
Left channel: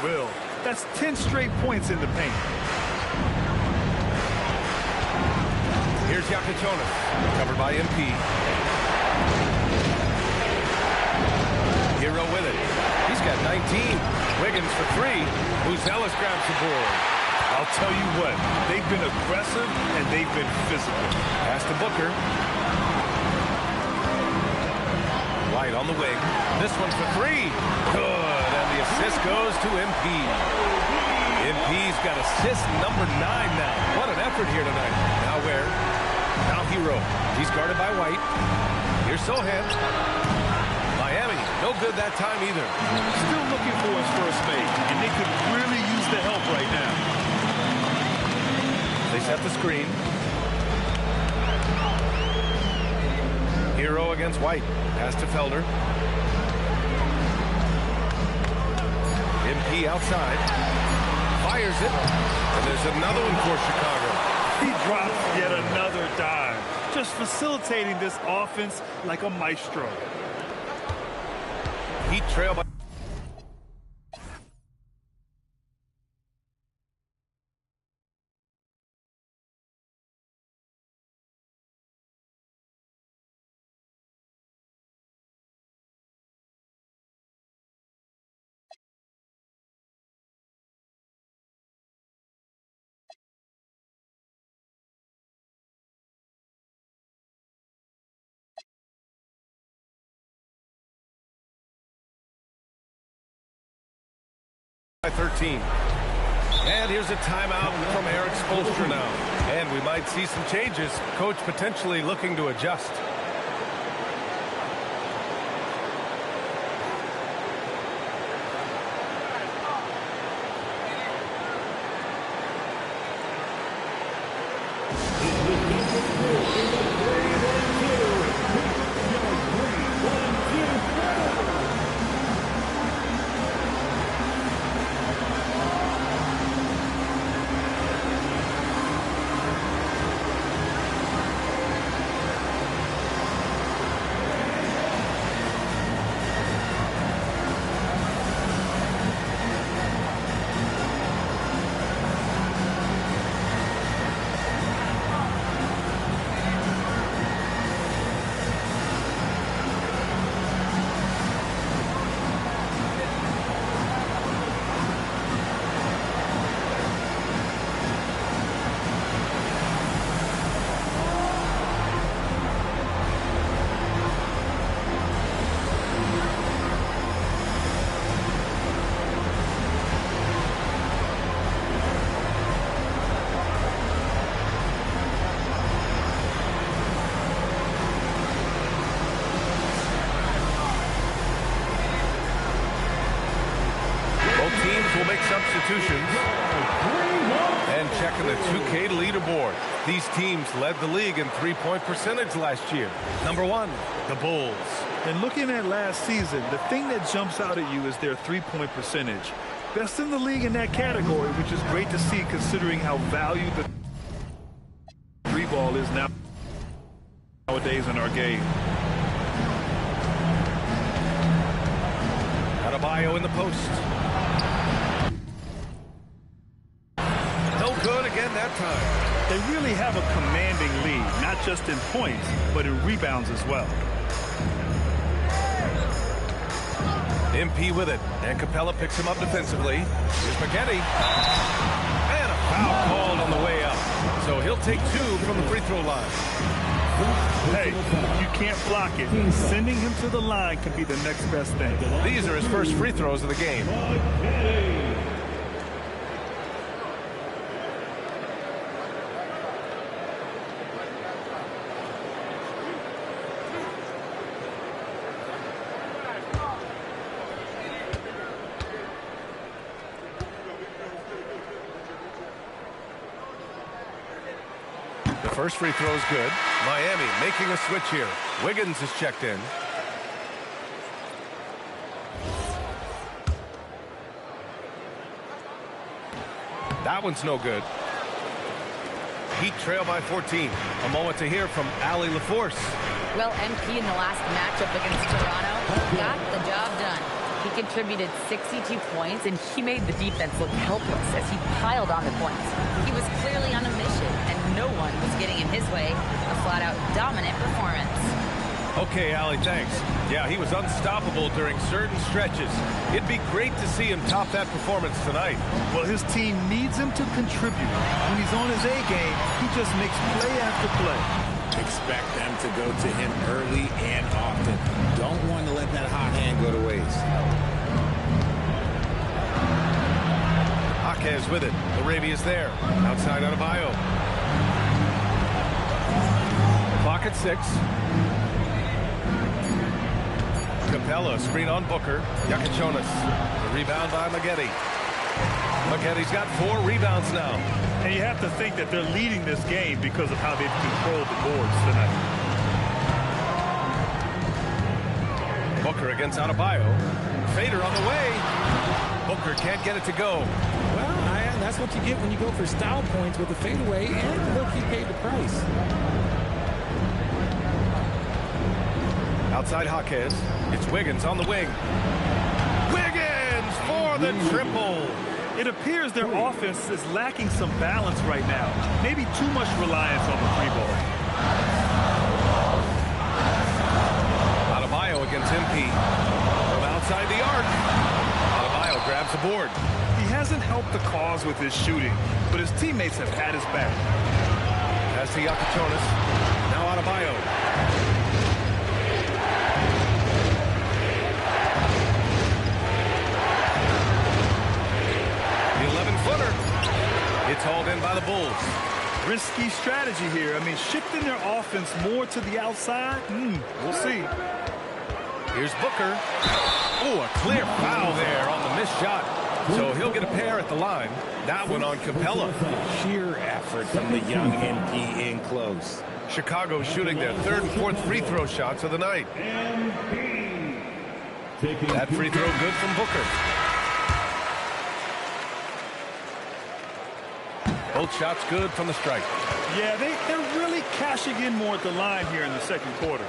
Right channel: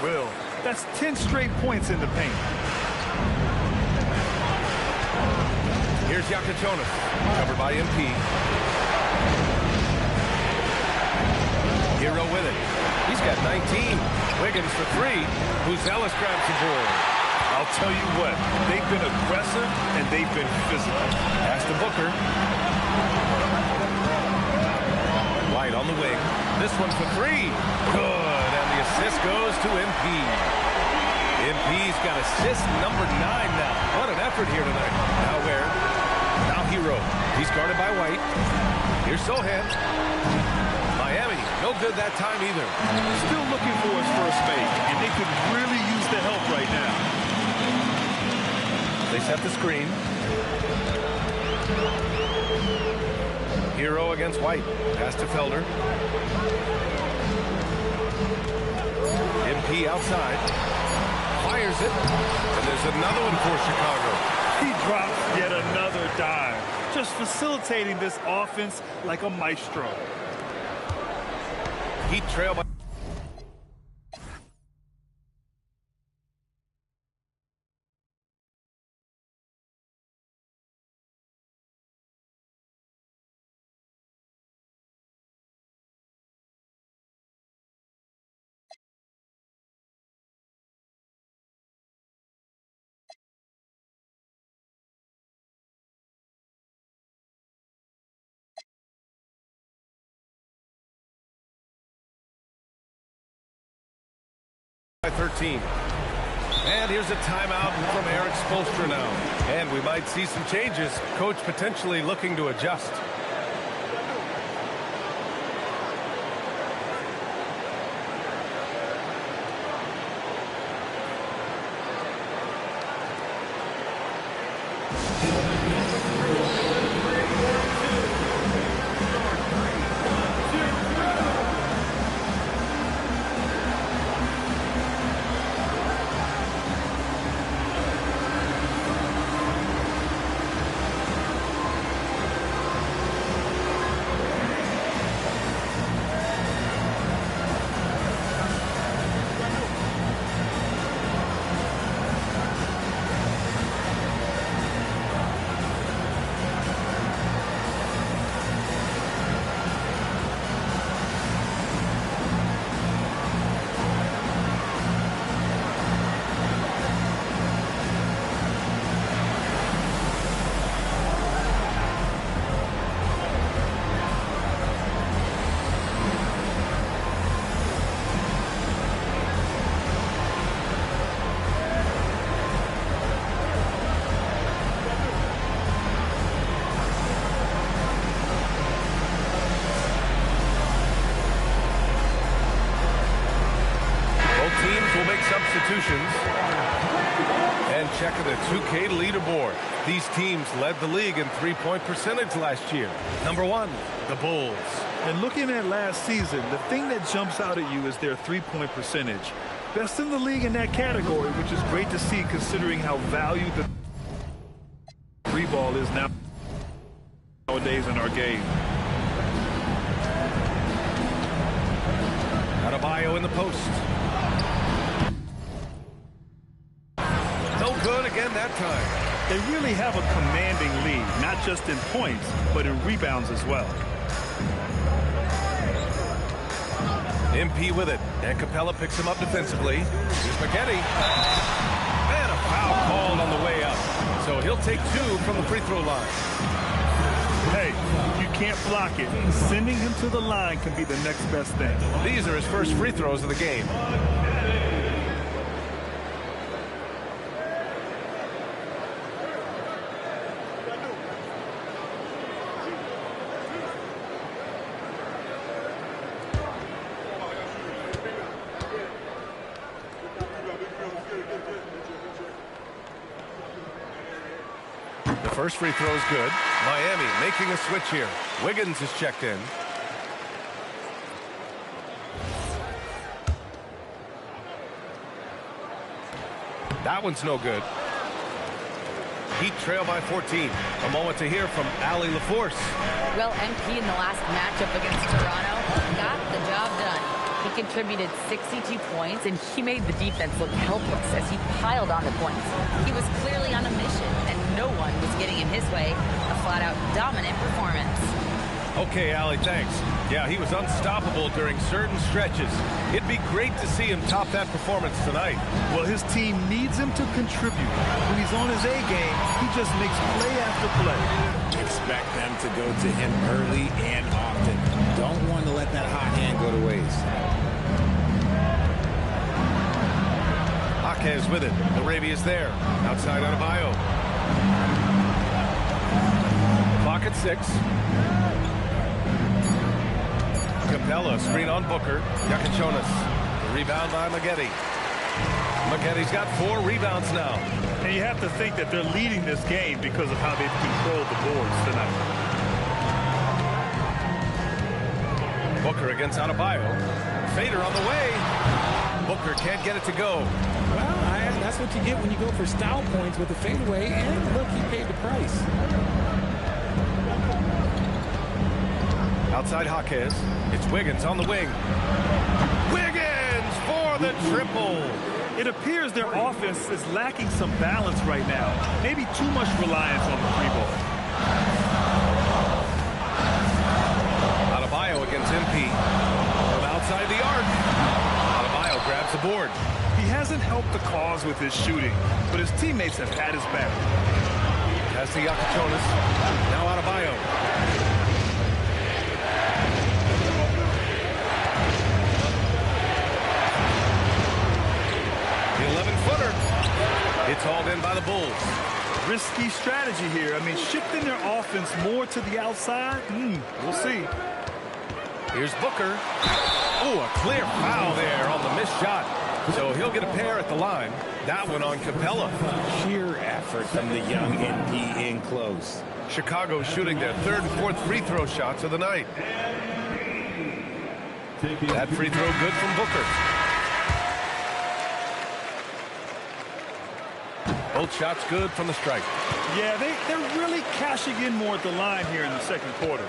will. That's 10 straight points in the paint. Here's Yakatonis. Covered by MP. Hero with it. He's got 19. Wiggins for three. Buzelis grabs the board. I'll tell you what, they've been aggressive and they've been physical. Pass to Booker. White on the wing. This one for three. Good. And the assist goes to MP. MP's got assist number 9 now. What an effort here tonight. Now Ware. Now Hero. He's guarded by White. Here's Sohan. Miami, no good that time either. Still looking for his first make, and they could really use the help right now. They set the screen. Hero against White. Pass to Felder. MP outside. Fires it. And there's another one for Chicago. He drops yet another dime. Just facilitating this offense like a maestro. Heat trail by... by 13. And here's a timeout from Eric Spoelstra now. And we might see some changes. Coach potentially looking to adjust. Teams will make substitutions. And checking the 2K leaderboard. These teams led the league in three-point percentage last year. Number 1, the Bulls. And looking at last season, the thing that jumps out at you is their three-point percentage. Best in the league in that category, which is great to see considering how valued the three ball is nowadays in our game. Adebayo in the post. No good again that time. They really have a commanding lead, not just in points, but in rebounds as well. MP with it, and Capella picks him up defensively. Here's McKinney. And a foul called on the way up. So he'll take 2 from the free throw line. Hey, you can't block it. Sending him to the line can be the next best thing. These are his first free throws of the game. First free throw is good. Miami making a switch here. Wiggins is checked in. That one's no good. Heat trail by 14. A moment to hear from Allie LaForce. Well, MP in the last matchup against Toronto got the job done. He contributed 62 points, and he made the defense look helpless as he piled on the points. He was clearly on a mission, and no one was getting in his way. A flat-out dominant performance. Okay, Allie, thanks. Yeah, he was unstoppable during certain stretches. It'd be great to see him top that performance tonight. Well, his team needs him to contribute. When he's on his A game, he just makes play after play. Expect them to go to him early and often. Don't want to let that hot hand go to waste. Jaquez with it. Larabia's there. Outside Adebayo. Clock at 6. Capella, screen on Booker. Yakachonis. The rebound by Maggette. Maggetti's got 4 rebounds now. And you have to think that they're leading this game because of how they've controlled the boards tonight. Booker against Adebayo. Fader on the way. Booker can't get it to go. Well, that's what you get when you go for style points with the fadeaway. And look, he paid the price. Outside Jaquez. It's Wiggins on the wing. Wiggins for the triple. It appears their offense is lacking some balance right now. Maybe too much reliance on the free ball. Adebayo against MP. From outside the arc. Adebayo grabs the board. He hasn't helped the cause with his shooting, but his teammates have had his back. Pass to Yakachonis. Now Adebayo. The 11-footer. It's hauled in by the Bulls. Risky strategy here. I mean, shifting their offense more to the outside. We'll see. Here's Booker. Oh, a clear foul there on the missed shot. So he'll get a pair at the line. That one on Capella. Sheer effort from the young MP in close. Chicago shooting their 3rd and 4th free throw shots of the night. That free throw good from Booker. Both shots good from the stripe. Yeah, they're really cashing in more at the line here in the second quarter.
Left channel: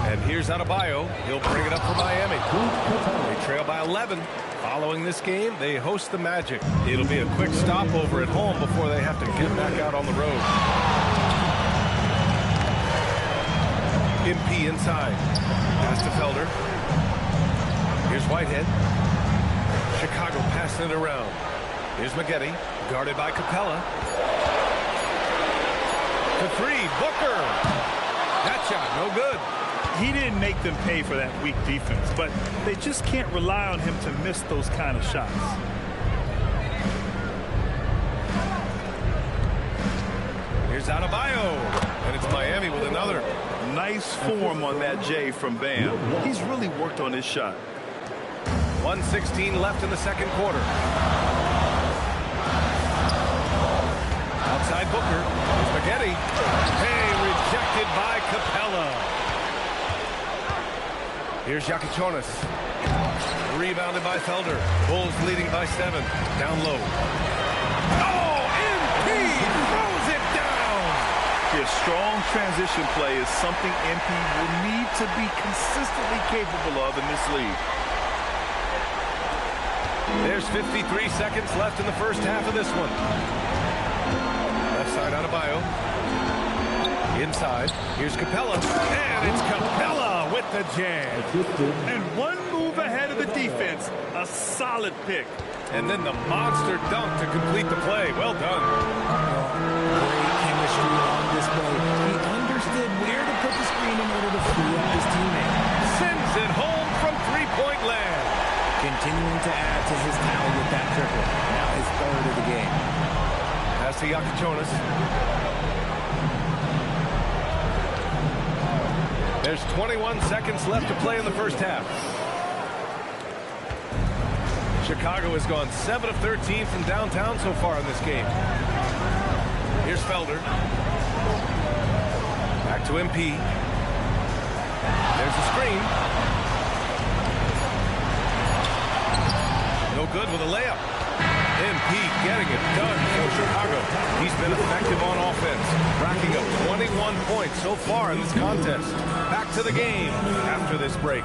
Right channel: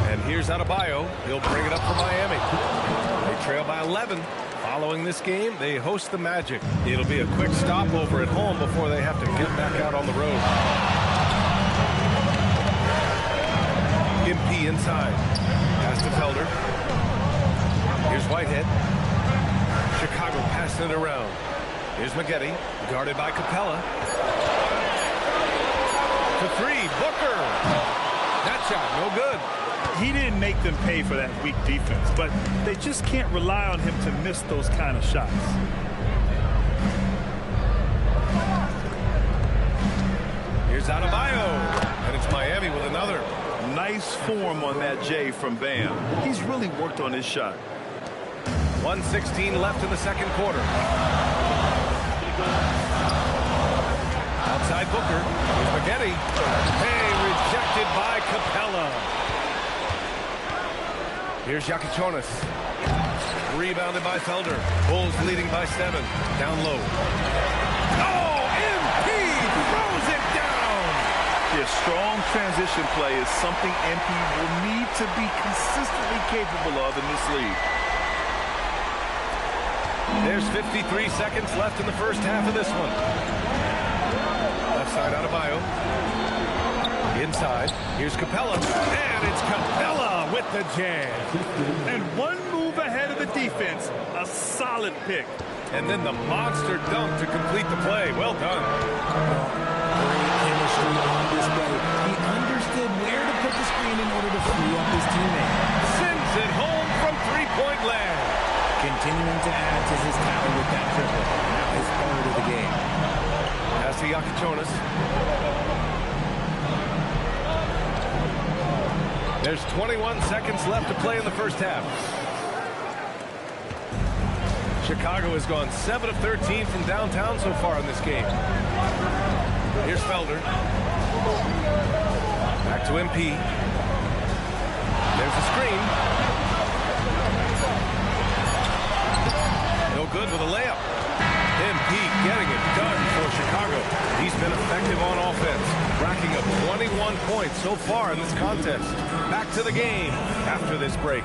And here's Adebayo. He'll bring it up for Miami. They trail by 11. Following this game, they host the Magic. It'll be a quick stopover at home before they have to get back out on the road. MP inside. Pass to Felder. Here's Whitehead. Chicago passing it around. Here's Maggette, guarded by Capella. To 3, Booker. That shot, no good. He didn't make them pay for that weak defense, but they just can't rely on him to miss those kind of shots. Here's Adebayo, and it's Miami with another. Nice form on that J from Bam. He's really worked on his shot. 1:16 left in the second quarter. Outside Booker. Here's Maggette. Hey, rejected by Capella. Here's Yakachonis. Rebounded by Felder. Bulls leading by 7. Down low. Oh, MP throws it down. Yeah, strong transition play is something MP will need to be consistently capable of in this league. There's 53 seconds left in the first half of this one. Left side Adebayo. Inside. Here's Capella. And it's Capella with the jam. And one move ahead of the defense. A solid pick. And then the monster dunk to complete the play. Well done. Great chemistry on display. He understood where to put the screen in order to free up his teammate. Sends it home from three-point land. Continuing to add to his tally with that triple. Now his 3rd of the game. Pass to Yakachonis. There's 21 seconds left to play in the first half. Chicago has gone 7 of 13 from downtown so far in this game. Here's Felder. Back to MP. There's the screen. No good with a layup. MP getting it done for Chicago. He's been effective on offense, racking up 21 points so far in this contest. Back to the game after this break.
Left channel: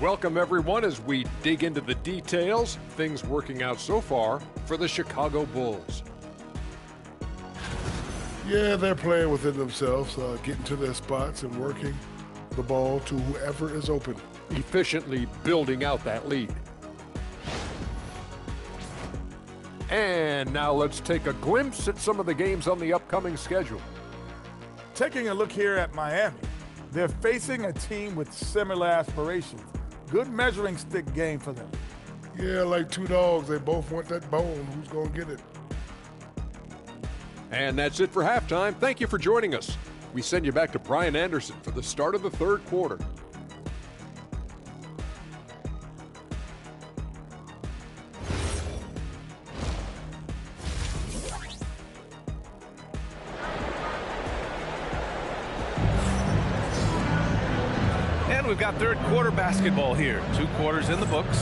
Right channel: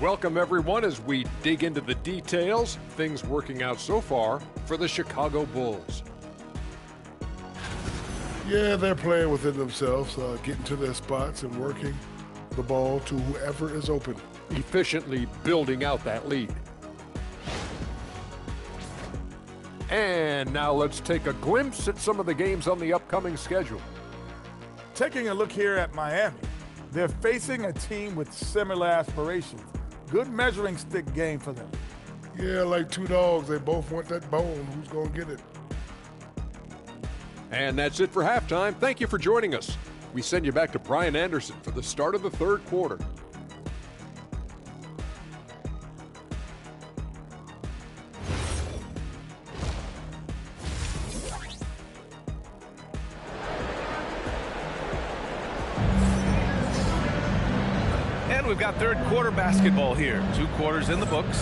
Welcome, everyone, as we dig into the details. Things working out so far for the Chicago Bulls. Yeah, they're playing within themselves, getting to their spots and working the ball to whoever is open. Efficiently building out that lead. And now let's take a glimpse at some of the games on the upcoming schedule. Taking a look here at Miami, they're facing a team with similar aspirations. Good measuring stick game for them. Yeah, like two dogs. They both want that bone. Who's going to get it? And that's it for halftime. Thank you for joining us. We send you back to Brian Anderson for the start of the third quarter. And we've got third quarter basketball here. 2 quarters in the books.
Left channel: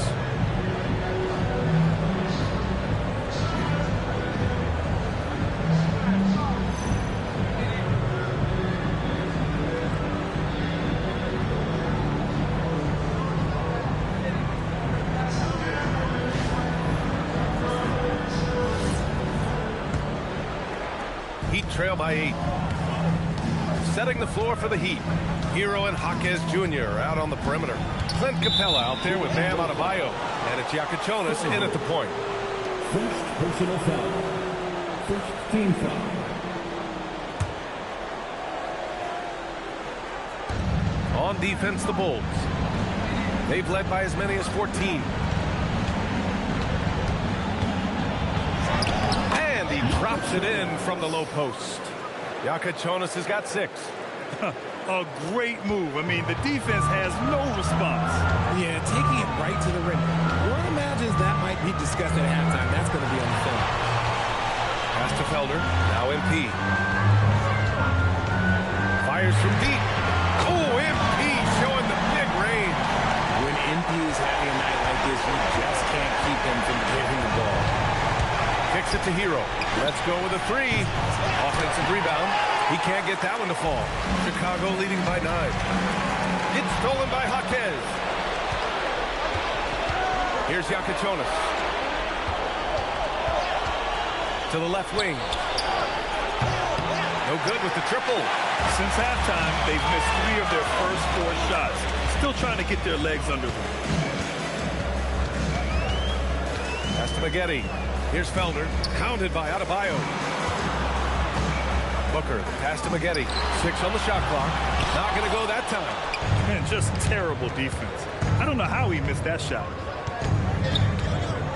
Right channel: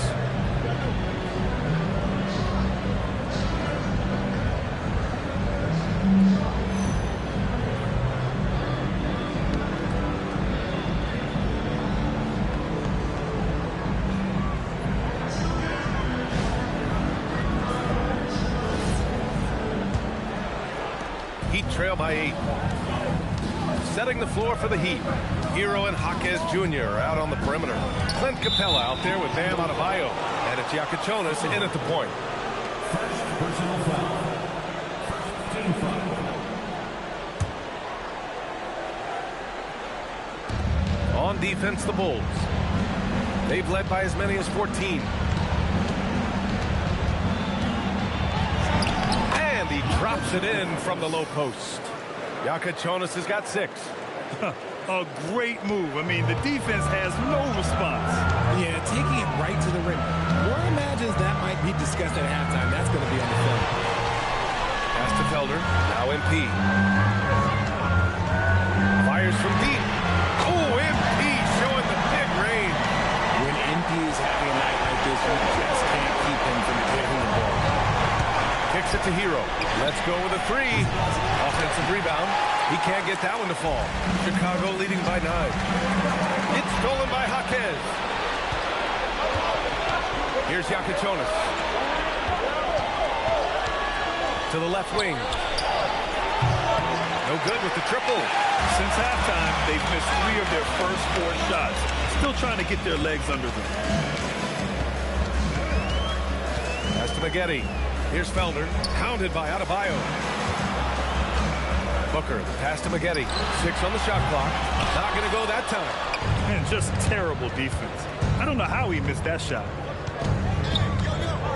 Heat trail by 8. Setting the floor for the Heat. Hero and Jaquez Jr. are out on the perimeter. Clint Capella out there with Bam Adebayo. And it's Yakichonis in at the point. First personal foul. First team foul. On defense, the Bulls. They've led by as many as 14. And he drops it in from the low post. Yakichonis has got 6. A great move. I mean, the defense has no response. Yeah, taking it right to the rim. Roy imagines that might be discussed at halftime. That's going to be on the film. Pass to Felder. Now MP. Fires from deep. Oh, MP showing the big range. When MP is having a night like this, you just can't keep him from getting the ball. Kicks it to Hero. Let's go with a 3. Offensive rebound. He can't get that one to fall. Chicago leading by 9. It's stolen by Jaquez. Here's Yakichonis. To the left wing. No good with the triple. Since halftime, they've missed 3 of their first 4 shots. Still trying to get their legs under them. Pass to Maggette. Here's Felder. Hounded by Adebayo. Booker, the pass to Maggette. 6 on the shot clock. Not going to go that time. Man, just terrible defense. I don't know how he missed that shot.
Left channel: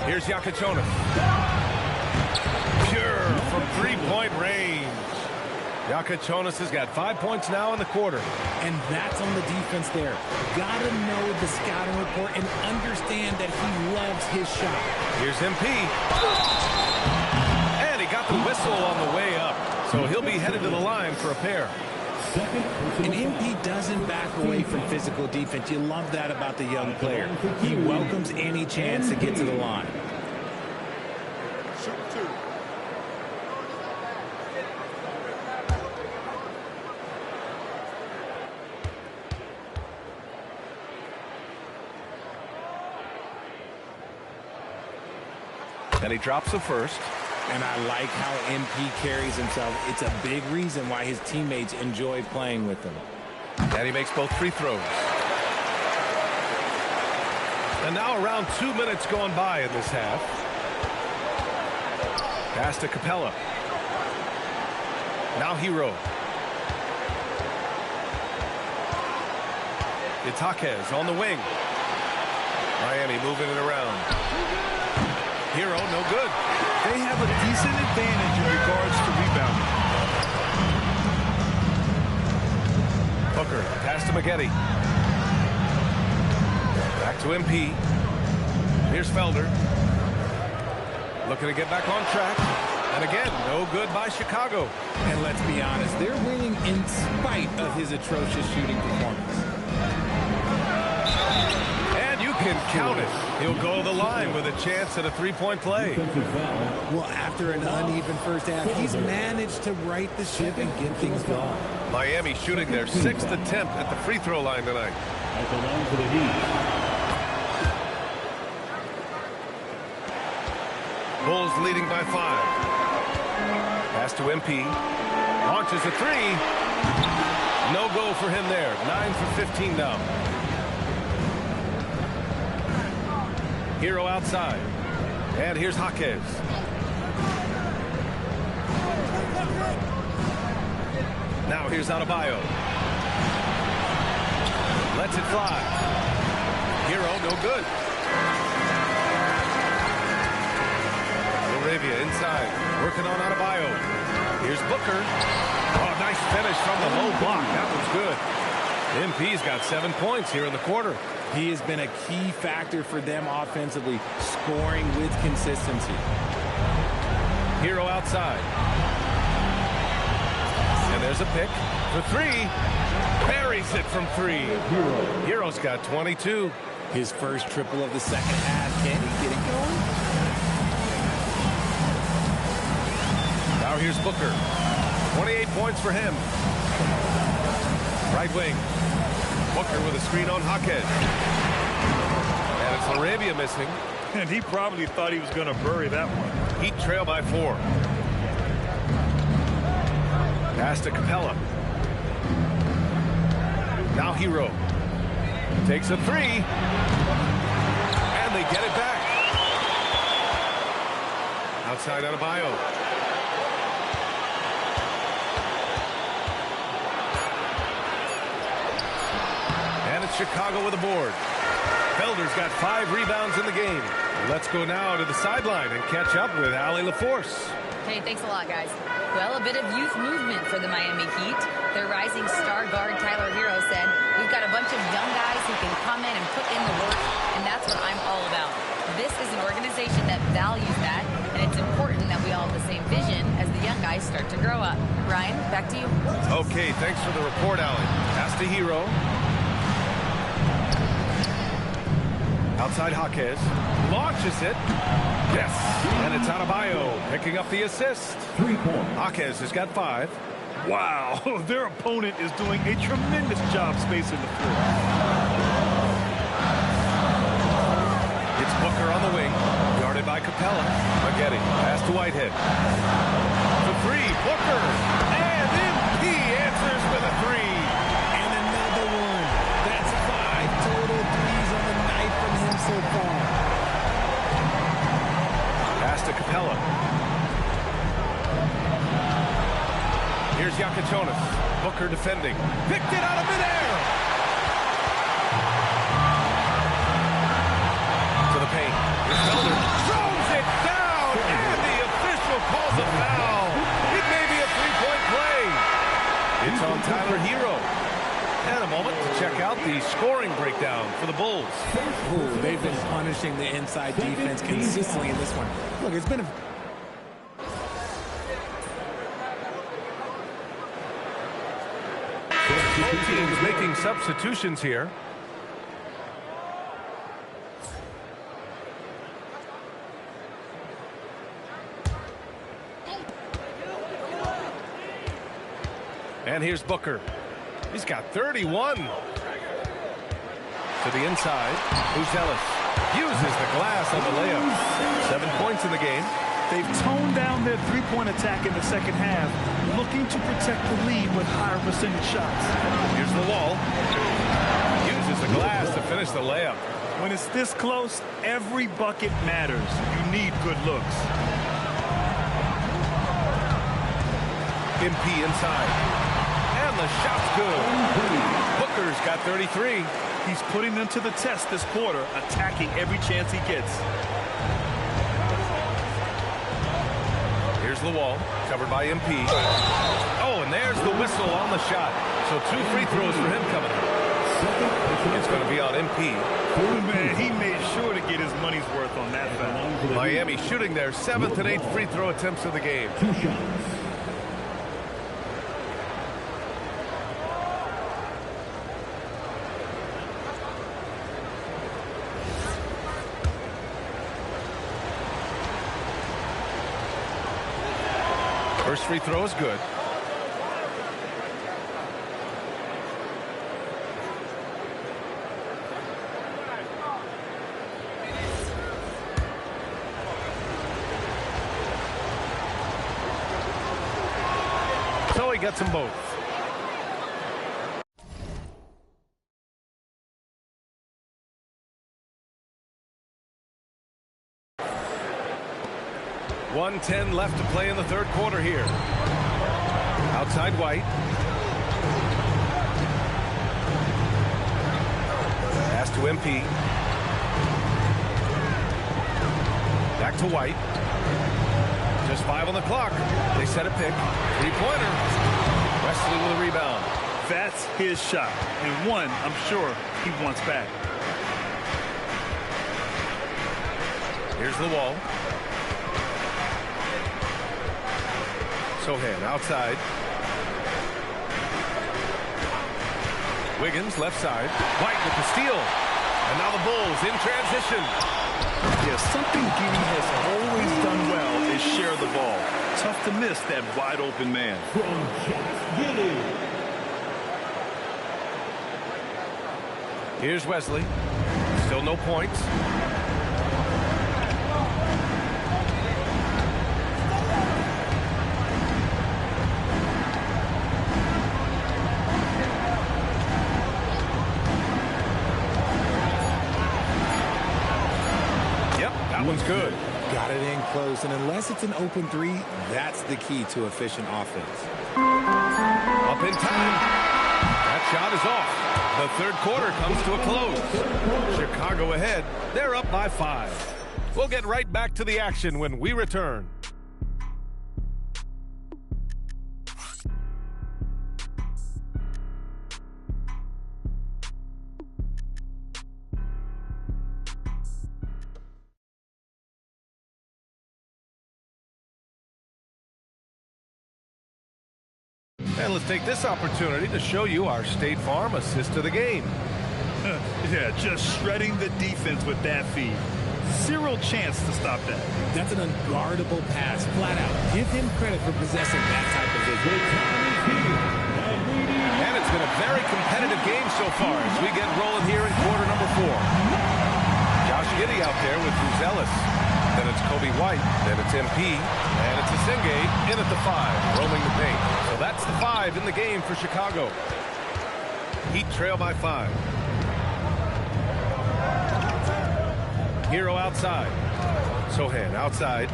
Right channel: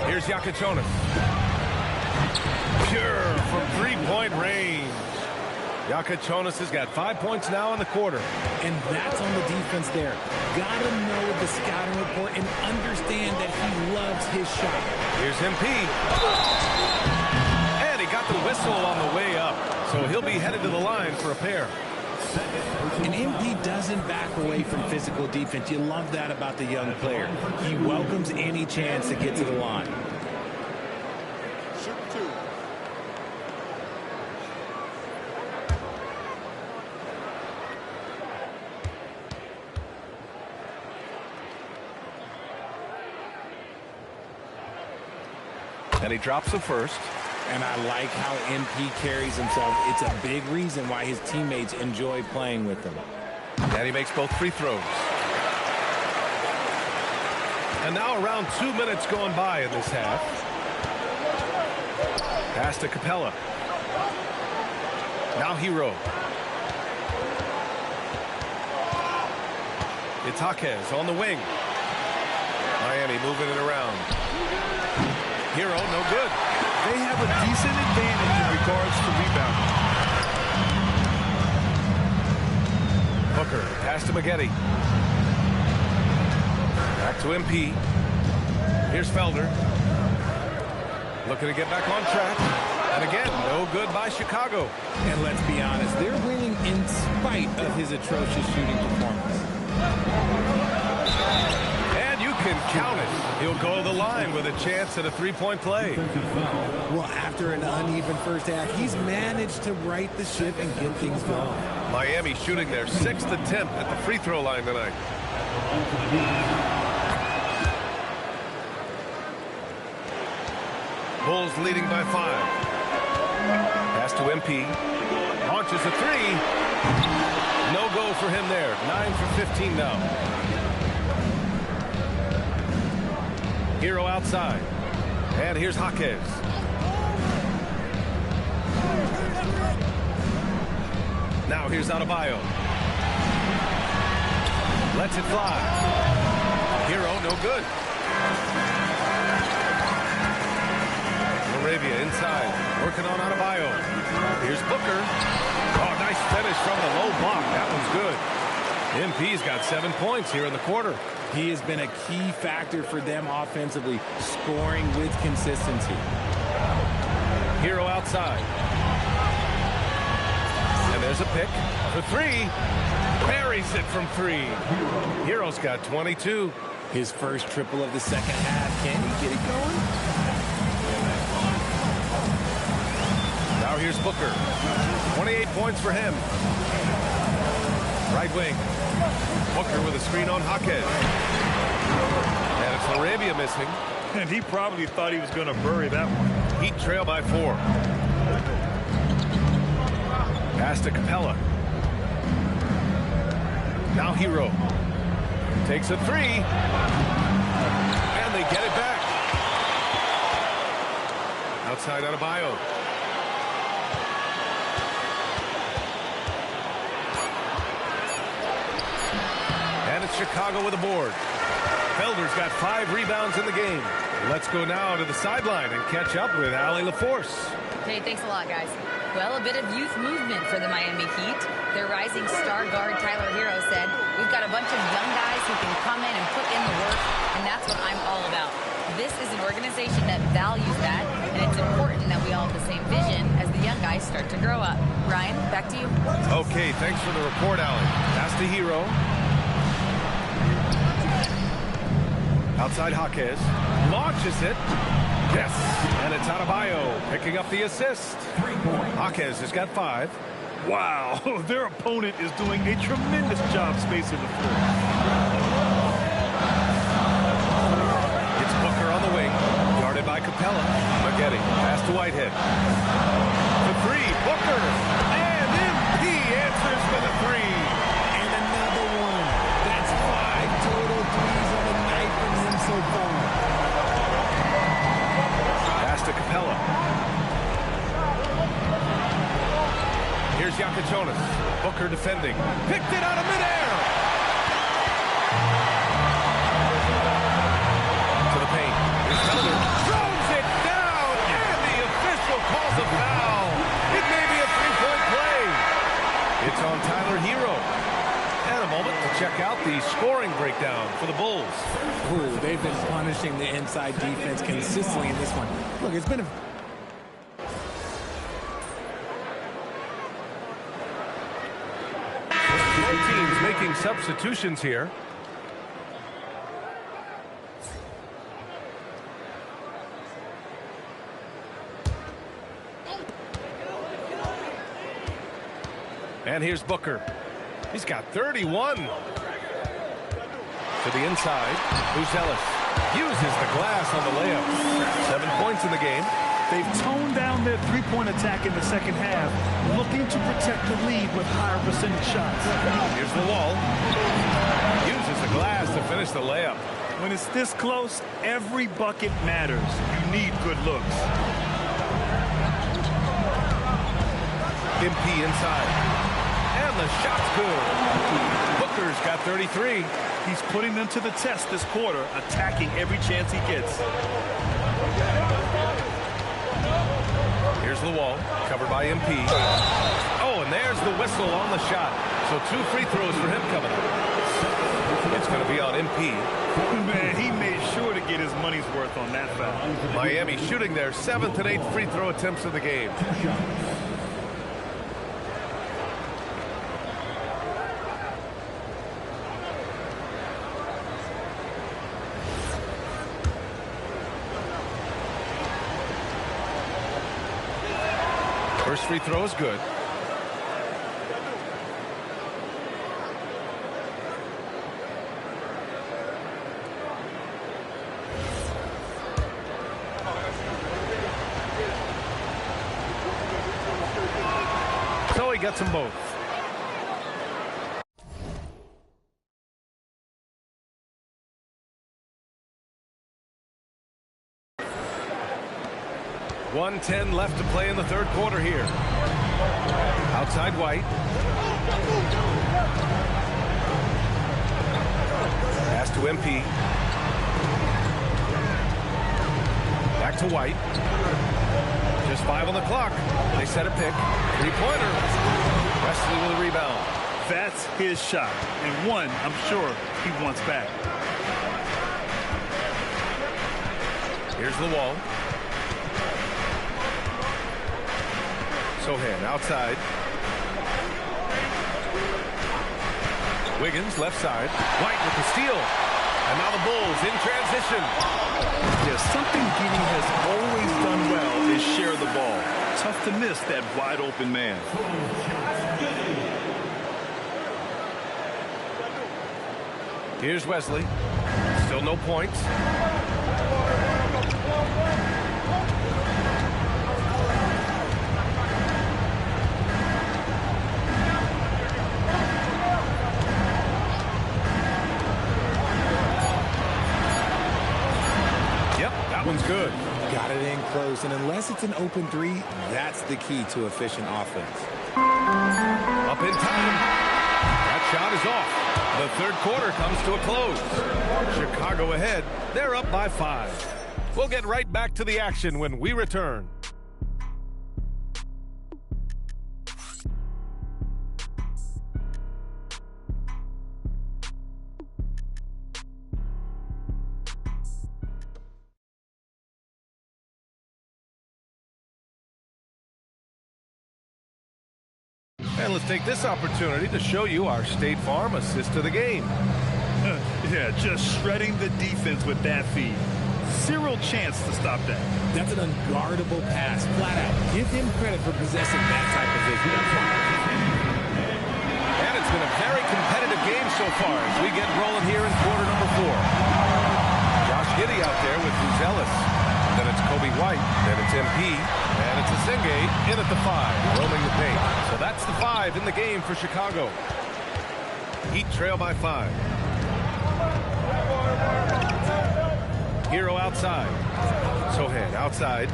Here's Yakichonis. Pure from 3-point range. Yakichonis has got 5 points now in the quarter. And that's on the defense there. Gotta know the scouting report and understand that he loves his shot. Here's MP. And he got the whistle on the way up. So he'll be headed to the line for a pair. And MP doesn't back away from physical defense. You love that about the young player. He welcomes any chance to get to the line. Shoot 2. And he drops the first. And I like how MP carries himself. It's a big reason why his teammates enjoy playing with him. And he makes both free throws. And now around 2 minutes gone by in this half. Pass to Capella. Now Hero. It's Jaquez on the wing. Miami moving it around. Hero, no good. They have a decent advantage in regards to rebounding. Booker, pass to Maggette. Back to MP. Here's Felder. Looking to get back on track. And again, no good by Chicago. And let's be honest, they're winning in spite of his atrocious shooting performance. And you can count it. He'll go to the line with a chance at a three-point play. Well, after an uneven first half, he's managed to right the ship and get things going. Miami shooting their 6th attempt at the free throw line tonight. At the line for the Heat. Bulls leading by 5. Pass to MP. Launches a three. No go for him there. 9 for 15 now. Hero outside. And here's Jaquez. Now here's Adebayo. Lets it fly. Hero, no good. Laravia inside, working on Adebayo. Here's Booker. Oh, nice finish from the low block. That one's good. MP's got 7 points here in the quarter. He has been a key factor for them offensively, scoring with consistency. Hero outside. And there's a pick for three. Buries it from three. Hero's got 22. His first triple of the second half. Can he get it going? Now here's Booker. 28 points for him. Right wing. Booker with a screen on Jaquez. And it's Laravia missing. And he probably thought he was going to bury that one. Heat trail by 4. Pass to Capella. Now Hero. Takes a three. And they get it back. Outside Adebayo. And it's Chicago with a board. Felder's got 5 rebounds in the game. Let's go now to the sideline and catch up with Allie LaForce. Hey, thanks a lot, guys. Well, a bit of youth movement for the Miami Heat. Their rising star guard, Tyler Hero, said, "We've got a bunch of young guys who can come in and put in the work, and that's what I'm all about." This is an organization that values that, and it's important that we all have the same vision as the young guys start to grow up. Ryan, back to you. Okay, thanks for the report, Allie. Pass to Hero. Outside Jaquez. Launches it. Yes. And it's Adebayo picking up the assist. 3 points. Jaquez has got 5. Wow, their opponent is doing a tremendous job spacing the floor. It's Booker on the wing. Guarded by Capella. Maggette. Pass to Whitehead. For 3, Booker. And MP answers with a 3. And another one. That's 5 total threes on the night from him so far. Pass to Capella. Here's Yakachonis. Booker defending. Picked it out of midair. To the paint. Here's Felder. Throws it down. And the official calls a foul. It may be a 3-point play. It's on Tyler Hero. And a moment to check out the scoring breakdown for the Bulls. Ooh, they've been punishing the inside defense consistently in this one. Look, it's been a... Both teams making substitutions here. And here's Booker. He's got 31. To the inside. Buzelis uses the glass on the layup. 7 points in the game. They've toned down their three-point attack in the second half, looking to protect the lead with higher percentage shots. Here's the wall. Uses the glass to finish the layup. When it's this close, every bucket matters. You need good looks. MP inside. And the shot's good. Booker's got 33. He's putting them to the test this quarter, attacking every chance he gets. Here's the wall, covered by MP. Oh, and there's the whistle on the shot. So 2 free throws for him coming up. It's going to be on MP. Man, he made sure to get his money's worth on that foul. Miami shooting their 7th and 8th free throw attempts of the game. 2 shots. First free throw is good. So he gets them both. .110 left to play in the third quarter here. Outside White. Pass to MP. Back to White. Just 5 on the clock. They set a pick. 3-pointer. Wesley with a rebound. That's his shot, and one I'm sure he wants back. Here's the wall. Sochan outside. Wiggins left side. White with the steal. And now the Bulls in transition. Yeah, something Giddey has always done well is share the ball. Tough to miss that wide open man. From Josh Giddey. Here's Wesley. Still no points. That one's good. Got it in close, and unless it's an open 3, that's the key to efficient offense. Up in time. That shot is off. The third quarter comes to a close. Chicago ahead. They're up by 5. We'll get right back to the action when we return. And let's take this opportunity to show you our State Farm assist to the game. Yeah, just shredding the defense with that feed. Zero chance to stop that. That's an unguardable pass, flat out. Give him credit for possessing that type of vision. And it's been a very competitive game so far as we get rolling here in quarter number 4. Josh Giddey out there with Buzelis. Then it's Kobe White. Then it's MP. And it's Asenge in at the 5, roaming the paint. So that's the 5 in the game for Chicago. Heat trail by 5. Hero outside. Sochan outside.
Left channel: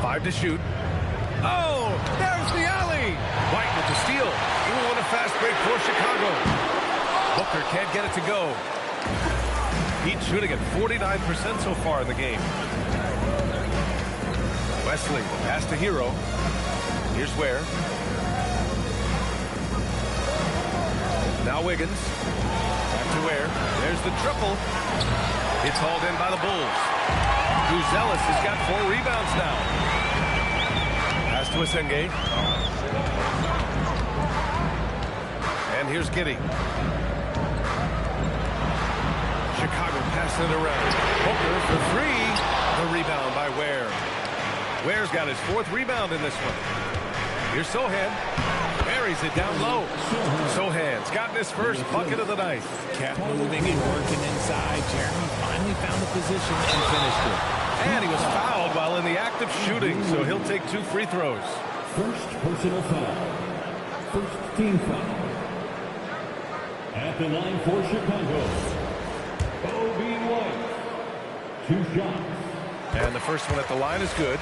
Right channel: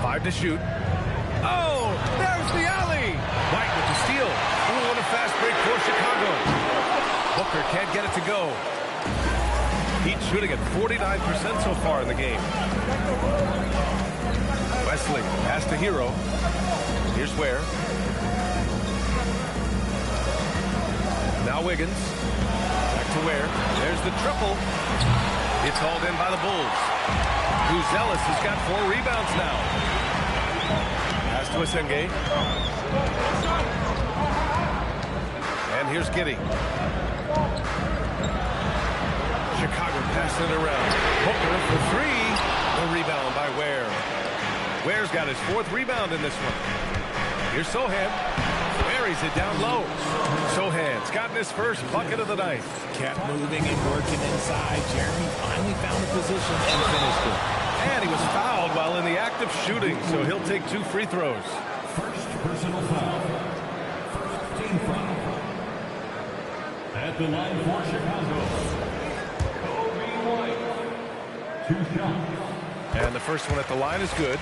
Five to shoot. Oh, there's the alley. White with the steal. Ooh, and a fast break for Chicago. Booker can't get it to go. Heat shooting at 49% so far in the game. Wesley, the pass to Hero. Here's Ware. Now Wiggins. Back to Ware. There's the triple. It's hauled in by the Bulls. Buzelis has got 4 rebounds now. Pass to Asenge. And here's Giddey. Chicago passing it around. Booker for 3. The rebound by Ware. Ware's got his 4th rebound in this one. Here's Sochan. Buries it down low. Sochan's gotten his first bucket of the night. Kept moving and working inside. Jeremy finally found the position and finished it. And he was fouled while in the act of shooting, so he'll take 2 free throws. First personal foul. First team foul. At the line for Chicago, Kobe White. 2 shots. And the first one at the line is good.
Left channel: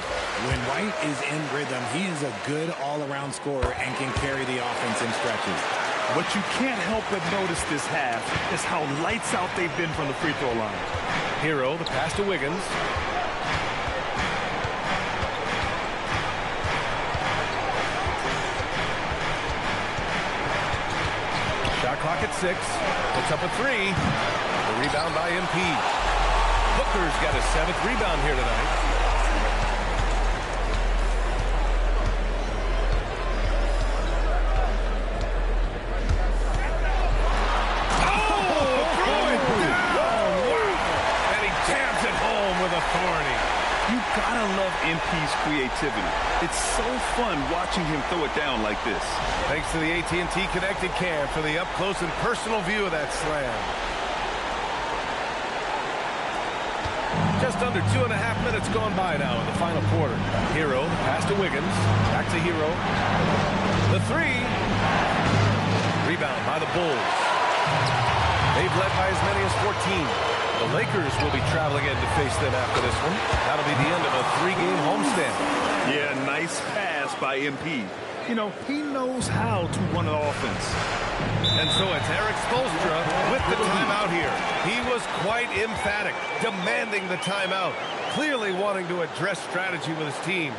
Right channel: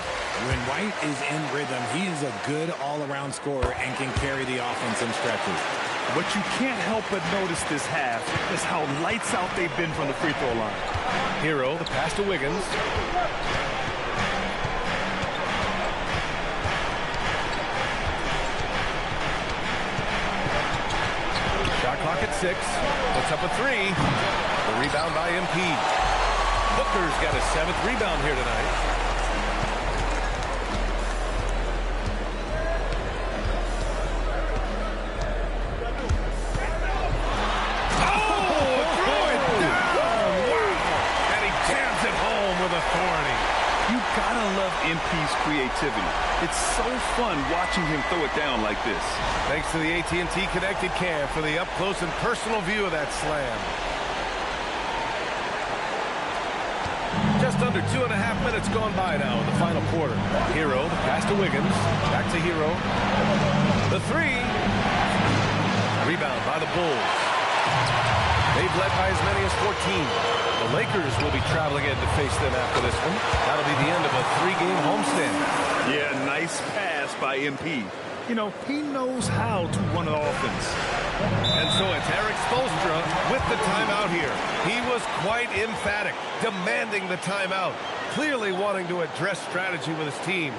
When White is in rhythm, he is a good all-around scorer and can carry the offense in stretches. What you can't help but notice this half is how lights out they've been from the free throw line. Hero, the pass to Wiggins. Shot clock at 6. Puts up a 3. The rebound by MP. Booker's got his 7th rebound here tonight. Oh, throw it down! Wow! And he jams it home with authority. You gotta love MP's creativity. It's so fun watching him throw it down like this. Thanks to the AT&T Connected Cam for the up-close and personal view of that slam. Just under 2.5 minutes gone by now in the final quarter. Hero, the pass to Wiggins. Back to Hero. The 3. Rebound by the Bulls. They've led by as many as 14. The Lakers will be traveling in to face them after this one. That'll be the end of a 3-game homestand. Yeah, nice pass by MP. You know, he knows how to run an offense. And so it's Eric Spoelstra with the timeout here. He was quite emphatic, demanding the timeout, clearly wanting to address strategy with his team.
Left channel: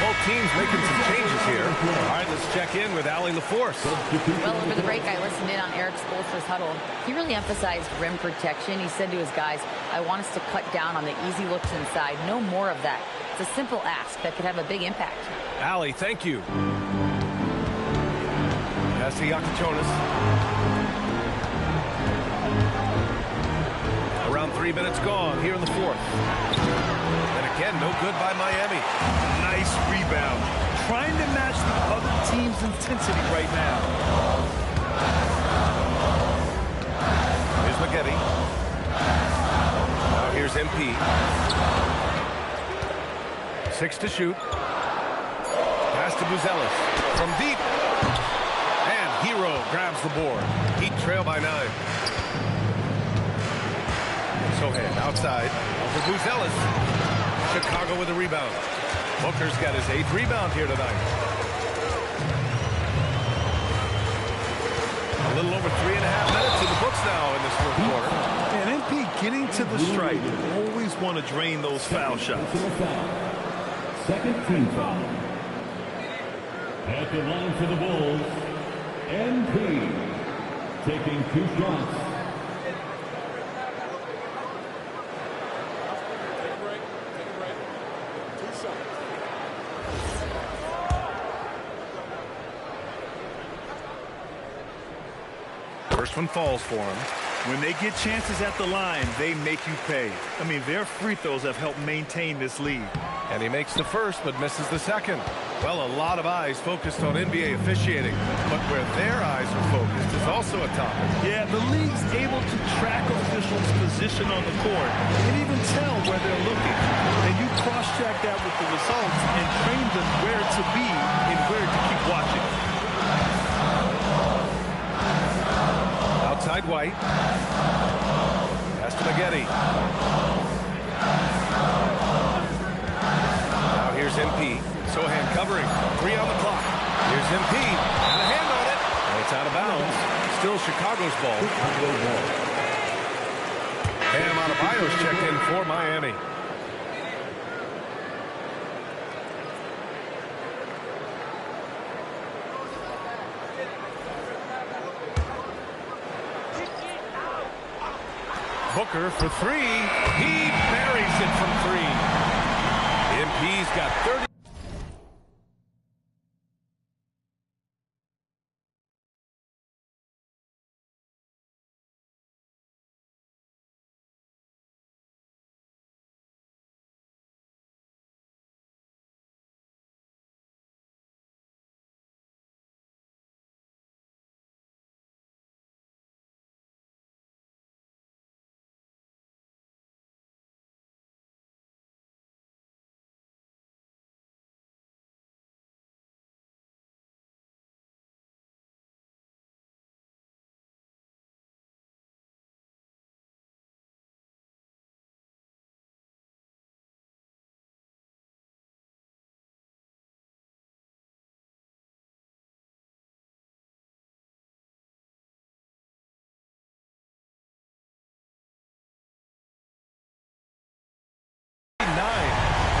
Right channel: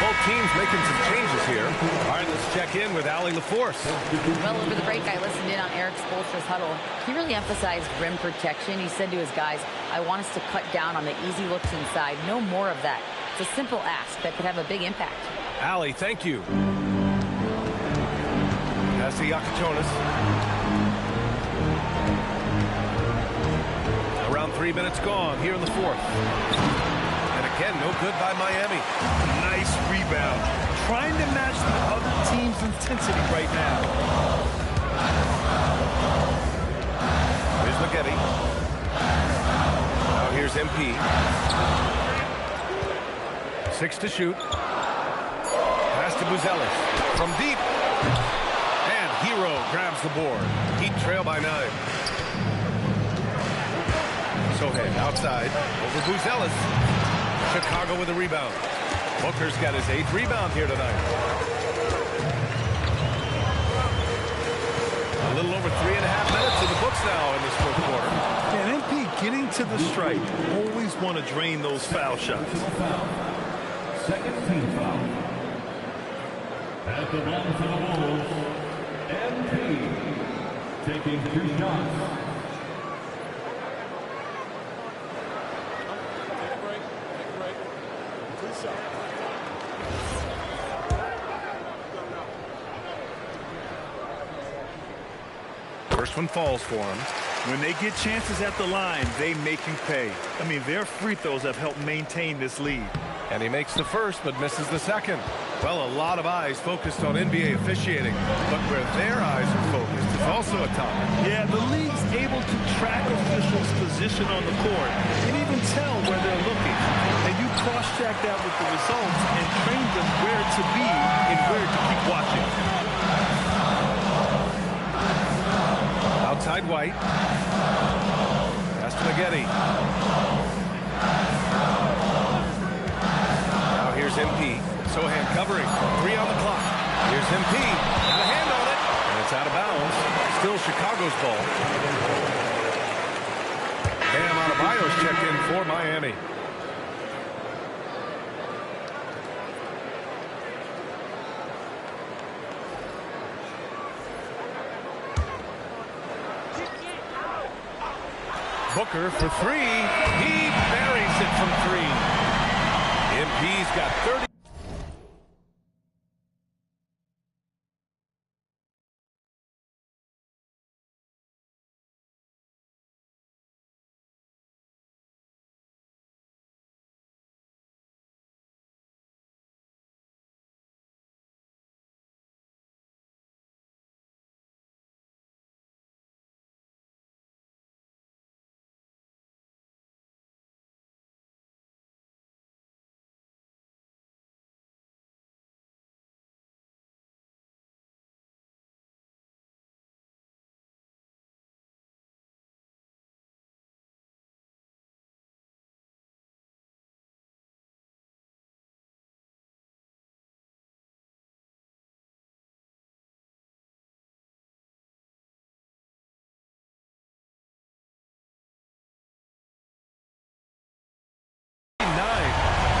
Both teams making some changes here. All right, let's check in with Allie LaForce. Well, over the break, I listened in on Eric Spoelstra's huddle. He really emphasized rim protection. He said to his guys, I want us to cut down on the easy looks inside. No more of that. It's a simple ask that could have a big impact. Allie, thank you. Pass to Yakachonis. Around 3 minutes gone here in the 4th. And again, no good by Miami. Nice rebound. Trying to match the other team's intensity right now. Here's McGetty. Now here's MP. 6 to shoot. Pass to Buzelis. From deep. And Hero grabs the board. Heat trail by 9. Sohan outside. Over Buzelis. Chicago with a rebound. Booker's got his 8th rebound here tonight. A little over 3.5 minutes in the books now in this 4th quarter. And MP getting to the stripe. Always want to drain those foul shots. Second team foul. At the line for the Bulls, MP taking 2 shots. Take a break. 2 shots. First one falls for him. When they get chances at the line, they make you pay. I mean, their free throws have helped maintain this lead. And he makes the first, but misses the second. Well, a lot of eyes focused on NBA officiating, but where their eyes are focused is also a topic. Yeah, the league's able to track officials' position on the court and even tell where they're looking. And you cross-check that with the results and train them where to be and where to keep watching. Outside White. Pass to McGetty. Now here's MP. Sohan covering. 3 on the clock. Here's MP. Got a hand on it. And it's out of bounds. Still Chicago's ball. Bam Adebayo's checked in for Miami. Booker for three. He buries it from three. MP's got 30.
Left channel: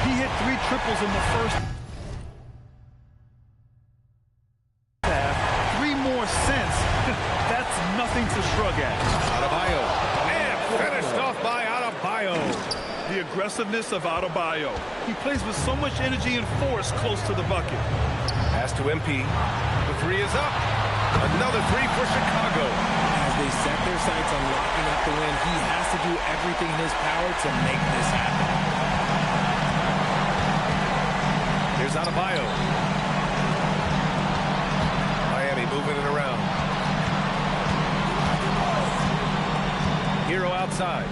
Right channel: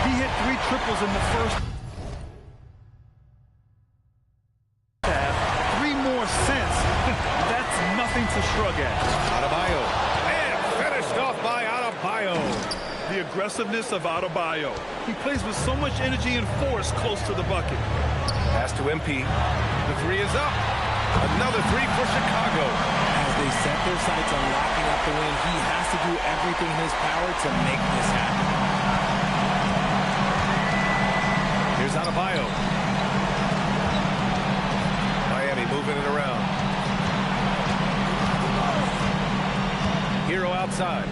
He hit 3 triples in the first half. 3 more since. That's nothing to shrug at. Adebayo. And finished off by Adebayo. The aggressiveness of Adebayo. He plays with so much energy and force close to the bucket. Pass to MP. The three is up. Another three for Chicago. As they set their sights on locking up the win, he has to do everything in his power to make this happen. Here's Adebayo. Miami moving it around. Hero outside.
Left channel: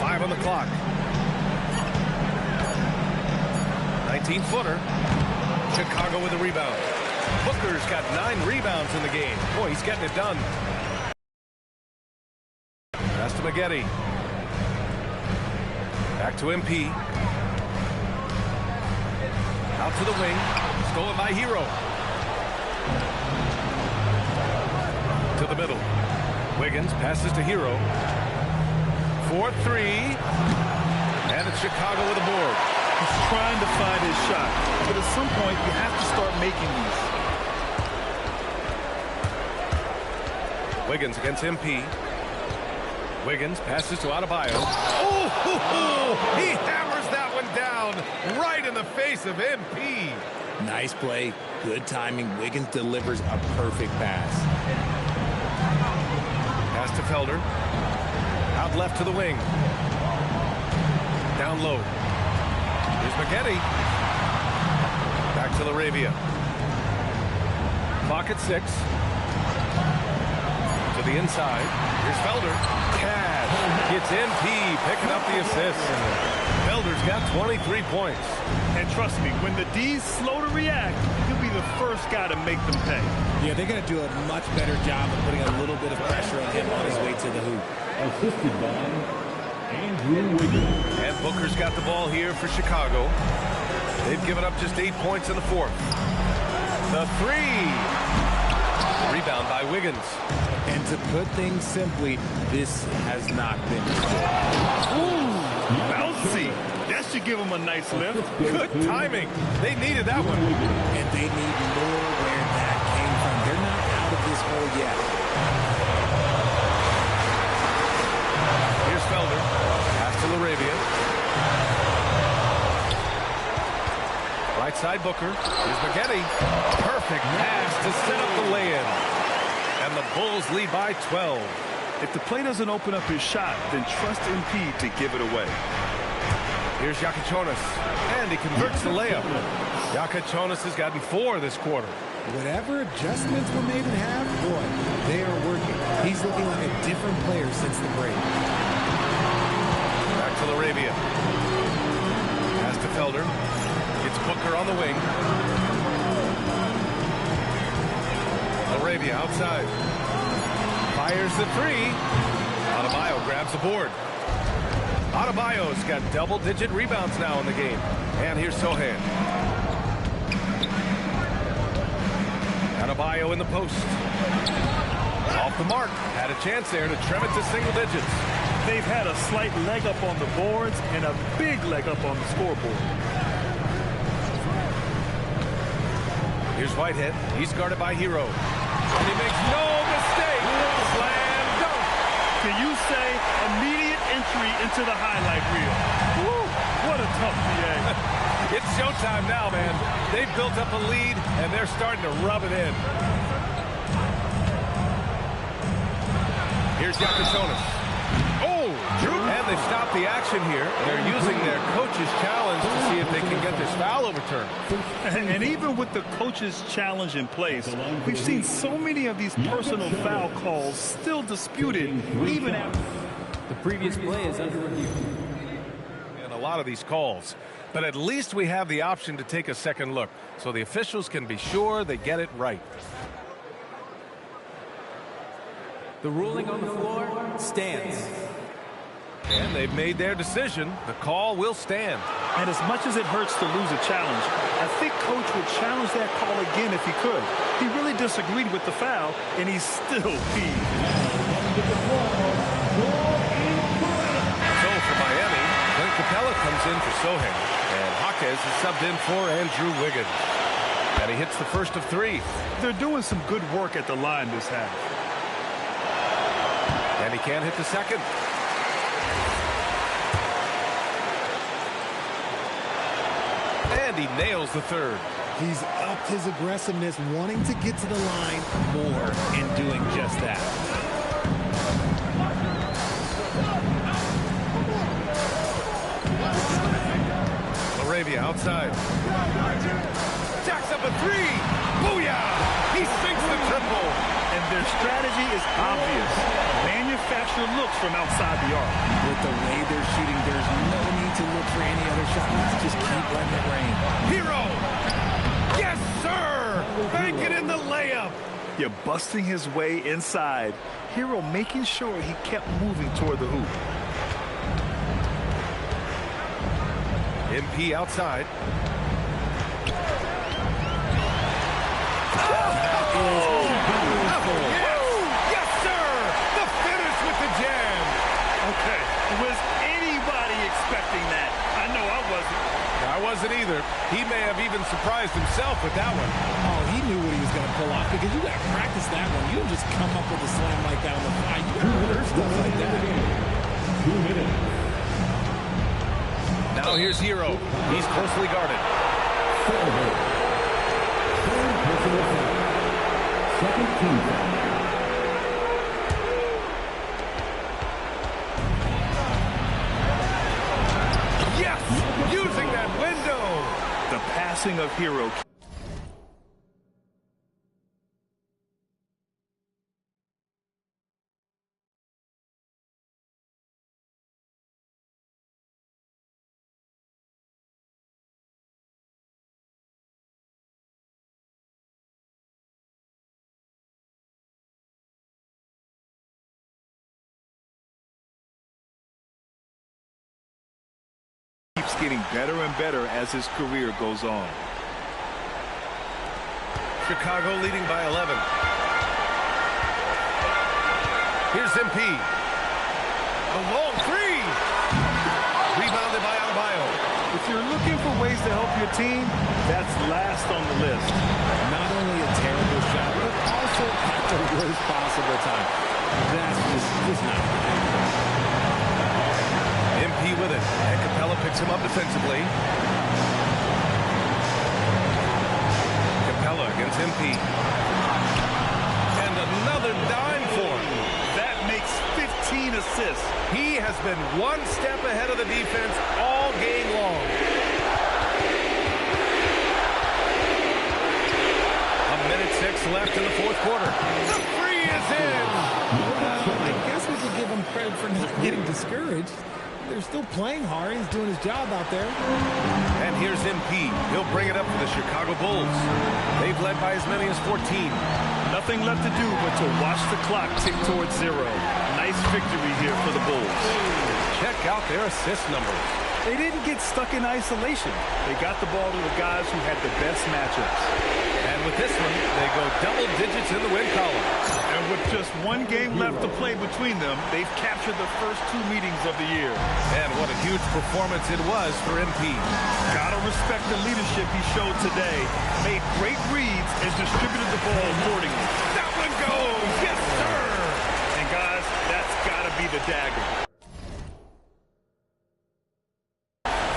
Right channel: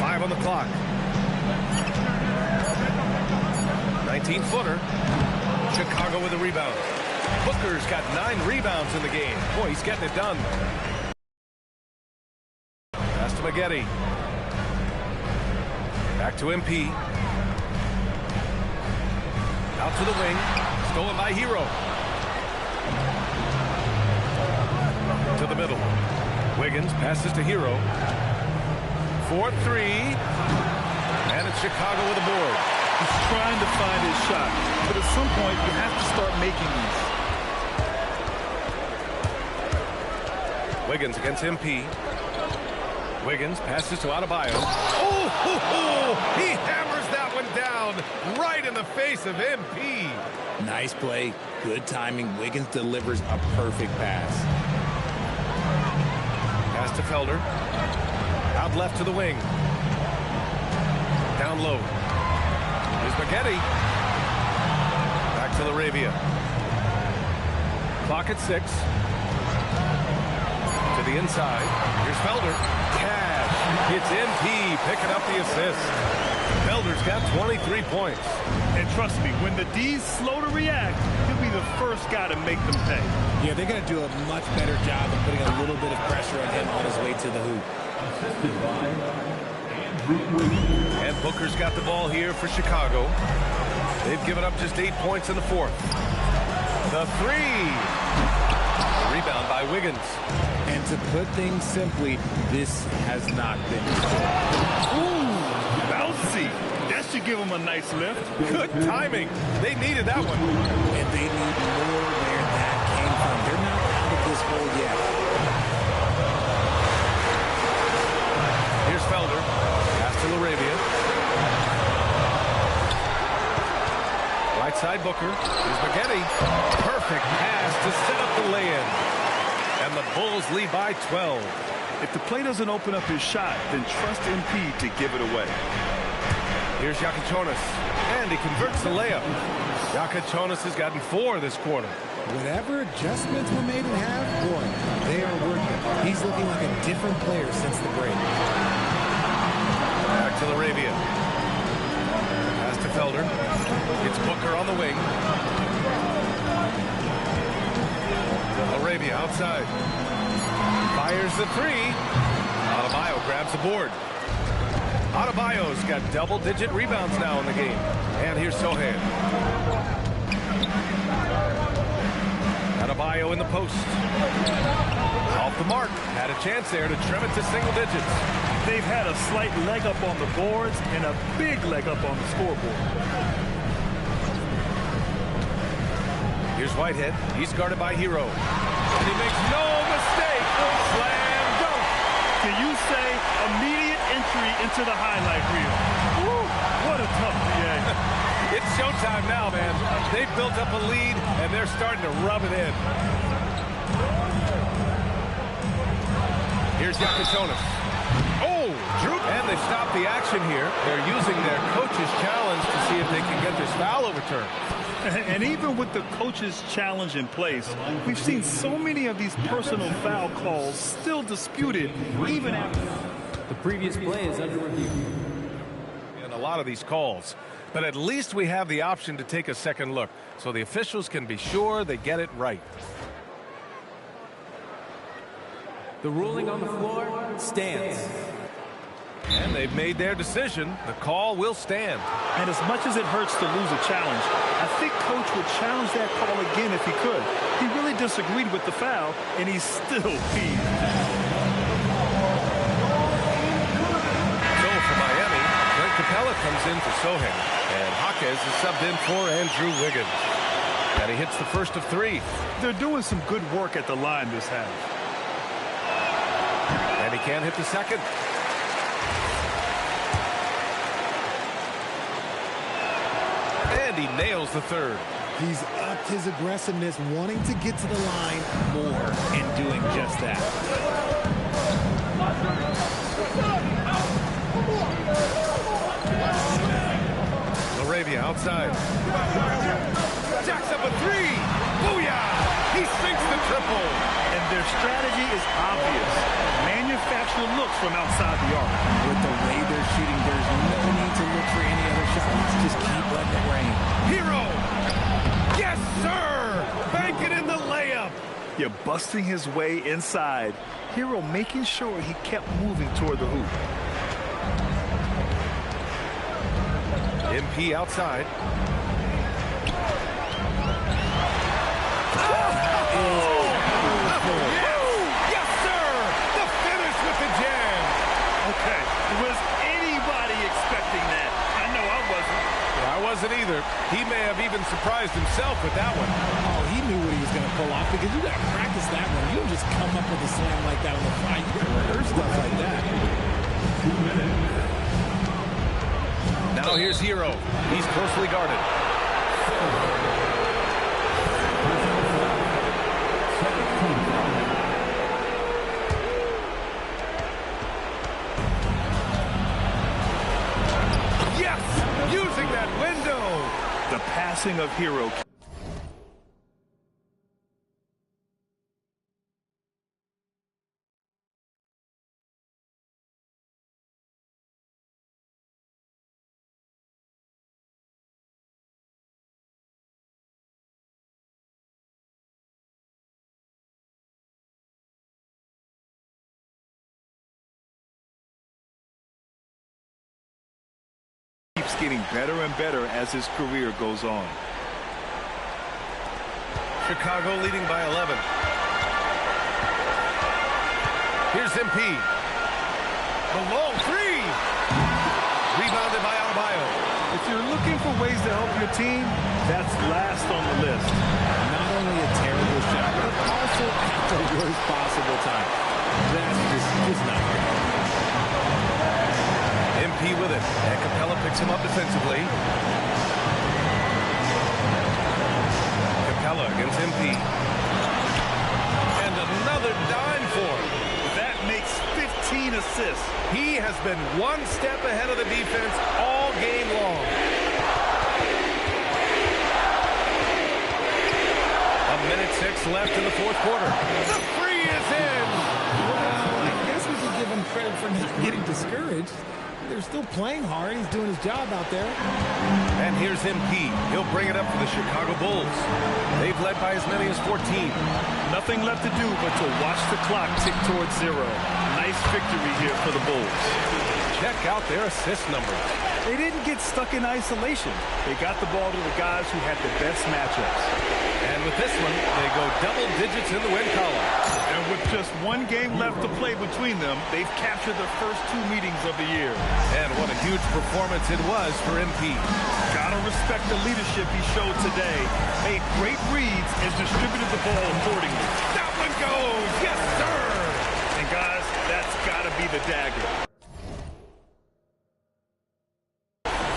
5 on the clock. 19-footer. Chicago with a rebound. Booker's got 9 rebounds in the game. Boy, he's getting it done. Pass to Maggette. Back to MP. Out to the wing. Stolen by Hero. To the middle. Wiggins passes to Hero. 4-3. And it's Chicago with a board. He's trying to find his shot. But at some point, you have to start making these. Wiggins against MP. Wiggins passes to Adebayo. Oh, he hammers that one down right in the face of MP. Nice play. Good timing. Wiggins delivers a perfect pass. Pass to Felder. Out left to the wing. Down low. Here's Maggette. Back to LaRavia. Clock at 6. To the inside. Here's Felder. Cash. It's MP picking up the assist. Felder's got 23 points. And trust me, when the D's slow to react, he'll be the first guy to make them pay. Yeah, they're going to do a much better job of putting a little bit of pressure on him on his way to the hoop. Assisted by Andrew Wiggins. And Booker's got the ball here for Chicago. They've given up just 8 points in the fourth. The three. The rebound by Wiggins. And to put things simply, this has not been good. Ooh, bouncy. That should give him a nice lift. Good timing. They needed that one. And they need more where that came from. They're not out of this hole yet. Here's Felder. Pass to LaRavia. Right side Booker. Here's Maggette. Perfect pass to set up the lay-in. And the Bulls lead by 12. If the play doesn't open up his shot, then trust MP to give it away. Here's Jakic, and he converts the layup. Jakic has gotten 4 this quarter. Whatever adjustments were made in half, boy, they are working. He's looking like a different player since the break. Back to LaRavia. Pass to Felder. It's Booker on the wing. LaRavia outside. Fires the three. Adebayo grabs the board. Adebayo's got double-digit rebounds now in the game. And here's Sohan. Adebayo in the post. Off the mark. Had a chance there to trim it to single digits. They've had a slight leg up on the boards and a big leg up on the scoreboard. Here's Whitehead. He's guarded by Hero. And he makes no mistake. Slam dunk. Can you say immediate entry into the highlight reel? Woo, what a tough VA. It's showtime now, man. They've built up a lead, and they're starting to rub it in. Here's Yakatonis. Oh, Drew. And they stopped the action here. They're using their coach's challenge to see if they can get this foul overturned. And even with the coach's challenge in place, we've seen so many of these personal foul calls still disputed, even after. The previous play is under review. And a lot of these calls. But at least we have the option to take a second look, so the officials can be sure they get it right. The ruling on the floor stands. And they've made their decision. The call will stand. And as much as it hurts to lose a challenge, I think Coach would challenge that call again if he could. He really disagreed with the foul, and he's still peeved. So for Miami, Clint Capella comes in for Sohan, and Jaquez is subbed in for Andrew Wiggins. And he hits the first of 3. They're doing some good work at the line this half. And he can't hit the second. And he nails the third. He's upped his aggressiveness, wanting to get to the line more and doing just that. LaRavia outside. Jacks up a 3. Booyah! He sinks the triple. And their strategy is obvious. Manufacture looks from outside the arc. With the way they're shooting, there's no need to look for any other shots. Just keep letting it rain. Hero! Yes, sir! Banking in the layup. You're busting his way inside. Hero making sure he kept moving toward the hoop. MP outside. Yes, sir! The finish with the jam. Okay, was anybody expecting that? I know I wasn't. I wasn't either. He may have even surprised himself with that one. Oh, he knew what he was going to pull off because you got to practice that one. You don't just come up with a slam like that on the fly. You got to rehearse stuff like that. 2 minutes. Now here's Hero. He's closely guarded. Personal foul. Second team foul. Yes! Using that window! The passing of Hero. Keeps getting better and better as his career goes on. Chicago leading by 11. Here's MP. The long 3. Rebounded by Adebayo. If you're looking for ways to help your team, that's last on the list. Not only a terrible shot, but also at the worst possible time. That's just not good. MP with it, and Capella picks him up defensively. Capella against MP. And another dime for him. That makes 15 assists. He has been one step ahead of the defense all game long. A minute 6 left in the fourth quarter. The free is in. Well, I guess we could give him credit for not getting discouraged. They're still playing hard. He's doing his job out there. And here's MP. He'll bring it up for the Chicago Bulls. They've led by as many as 14. Nothing left to do but to watch the clock tick towards 0. Nice victory here for the Bulls. Check out their assist numbers. They didn't get stuck in isolation. They got the ball to the guys who had the best matchups. And with this one, they go double digits in the win column. And with just one game left to play between them, they've captured the first 2 meetings of the year. And what a huge performance it was for MP. Gotta respect the leadership he showed today. Made great reads and distributed the ball accordingly. That one goes! Yes, sir! And guys, That's got to be the dagger.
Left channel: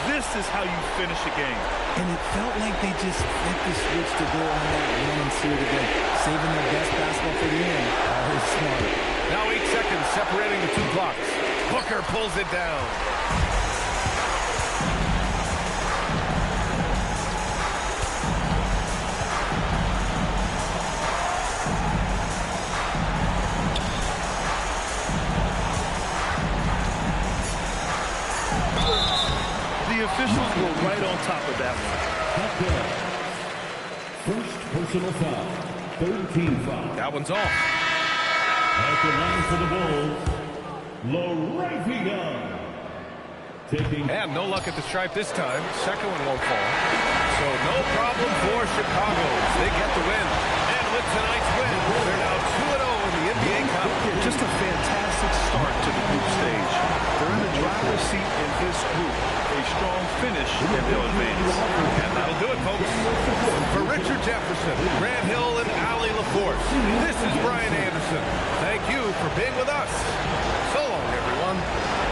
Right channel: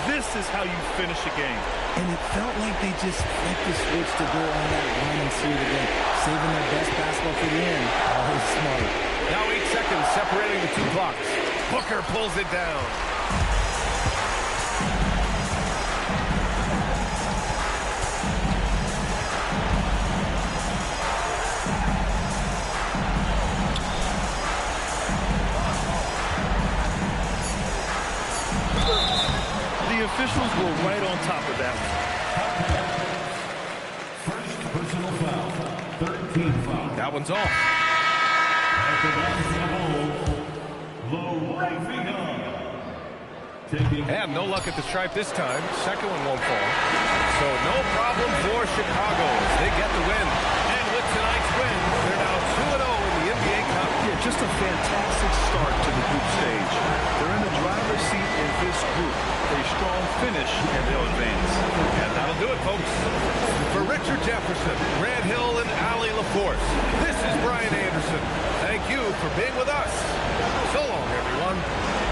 This is how you finish a game. And it felt like they just flipped the switch to go on that run and seal the game. Saving their best basketball for the end. Always smart. Now 8 seconds separating the two clocks. Booker pulls it down. The officials were right on top of that one. First personal foul. Third team foul. That one's off. At the line for the Bulls, Laravia. And no luck at the stripe this time. Second one won't fall. So no problem for Chicago as they get the win. And with tonight's win, they're now 2-0 in the NBA Cup. Yeah, just a fantastic start to the group stage. They're in the driver's seat in this group. A strong finish, and they'll advance. And that'll do it, folks. For Richard Jefferson, Grant Hill, and Allie LaForce, this is Brian Anderson. Thank you for being with us. So long, everyone.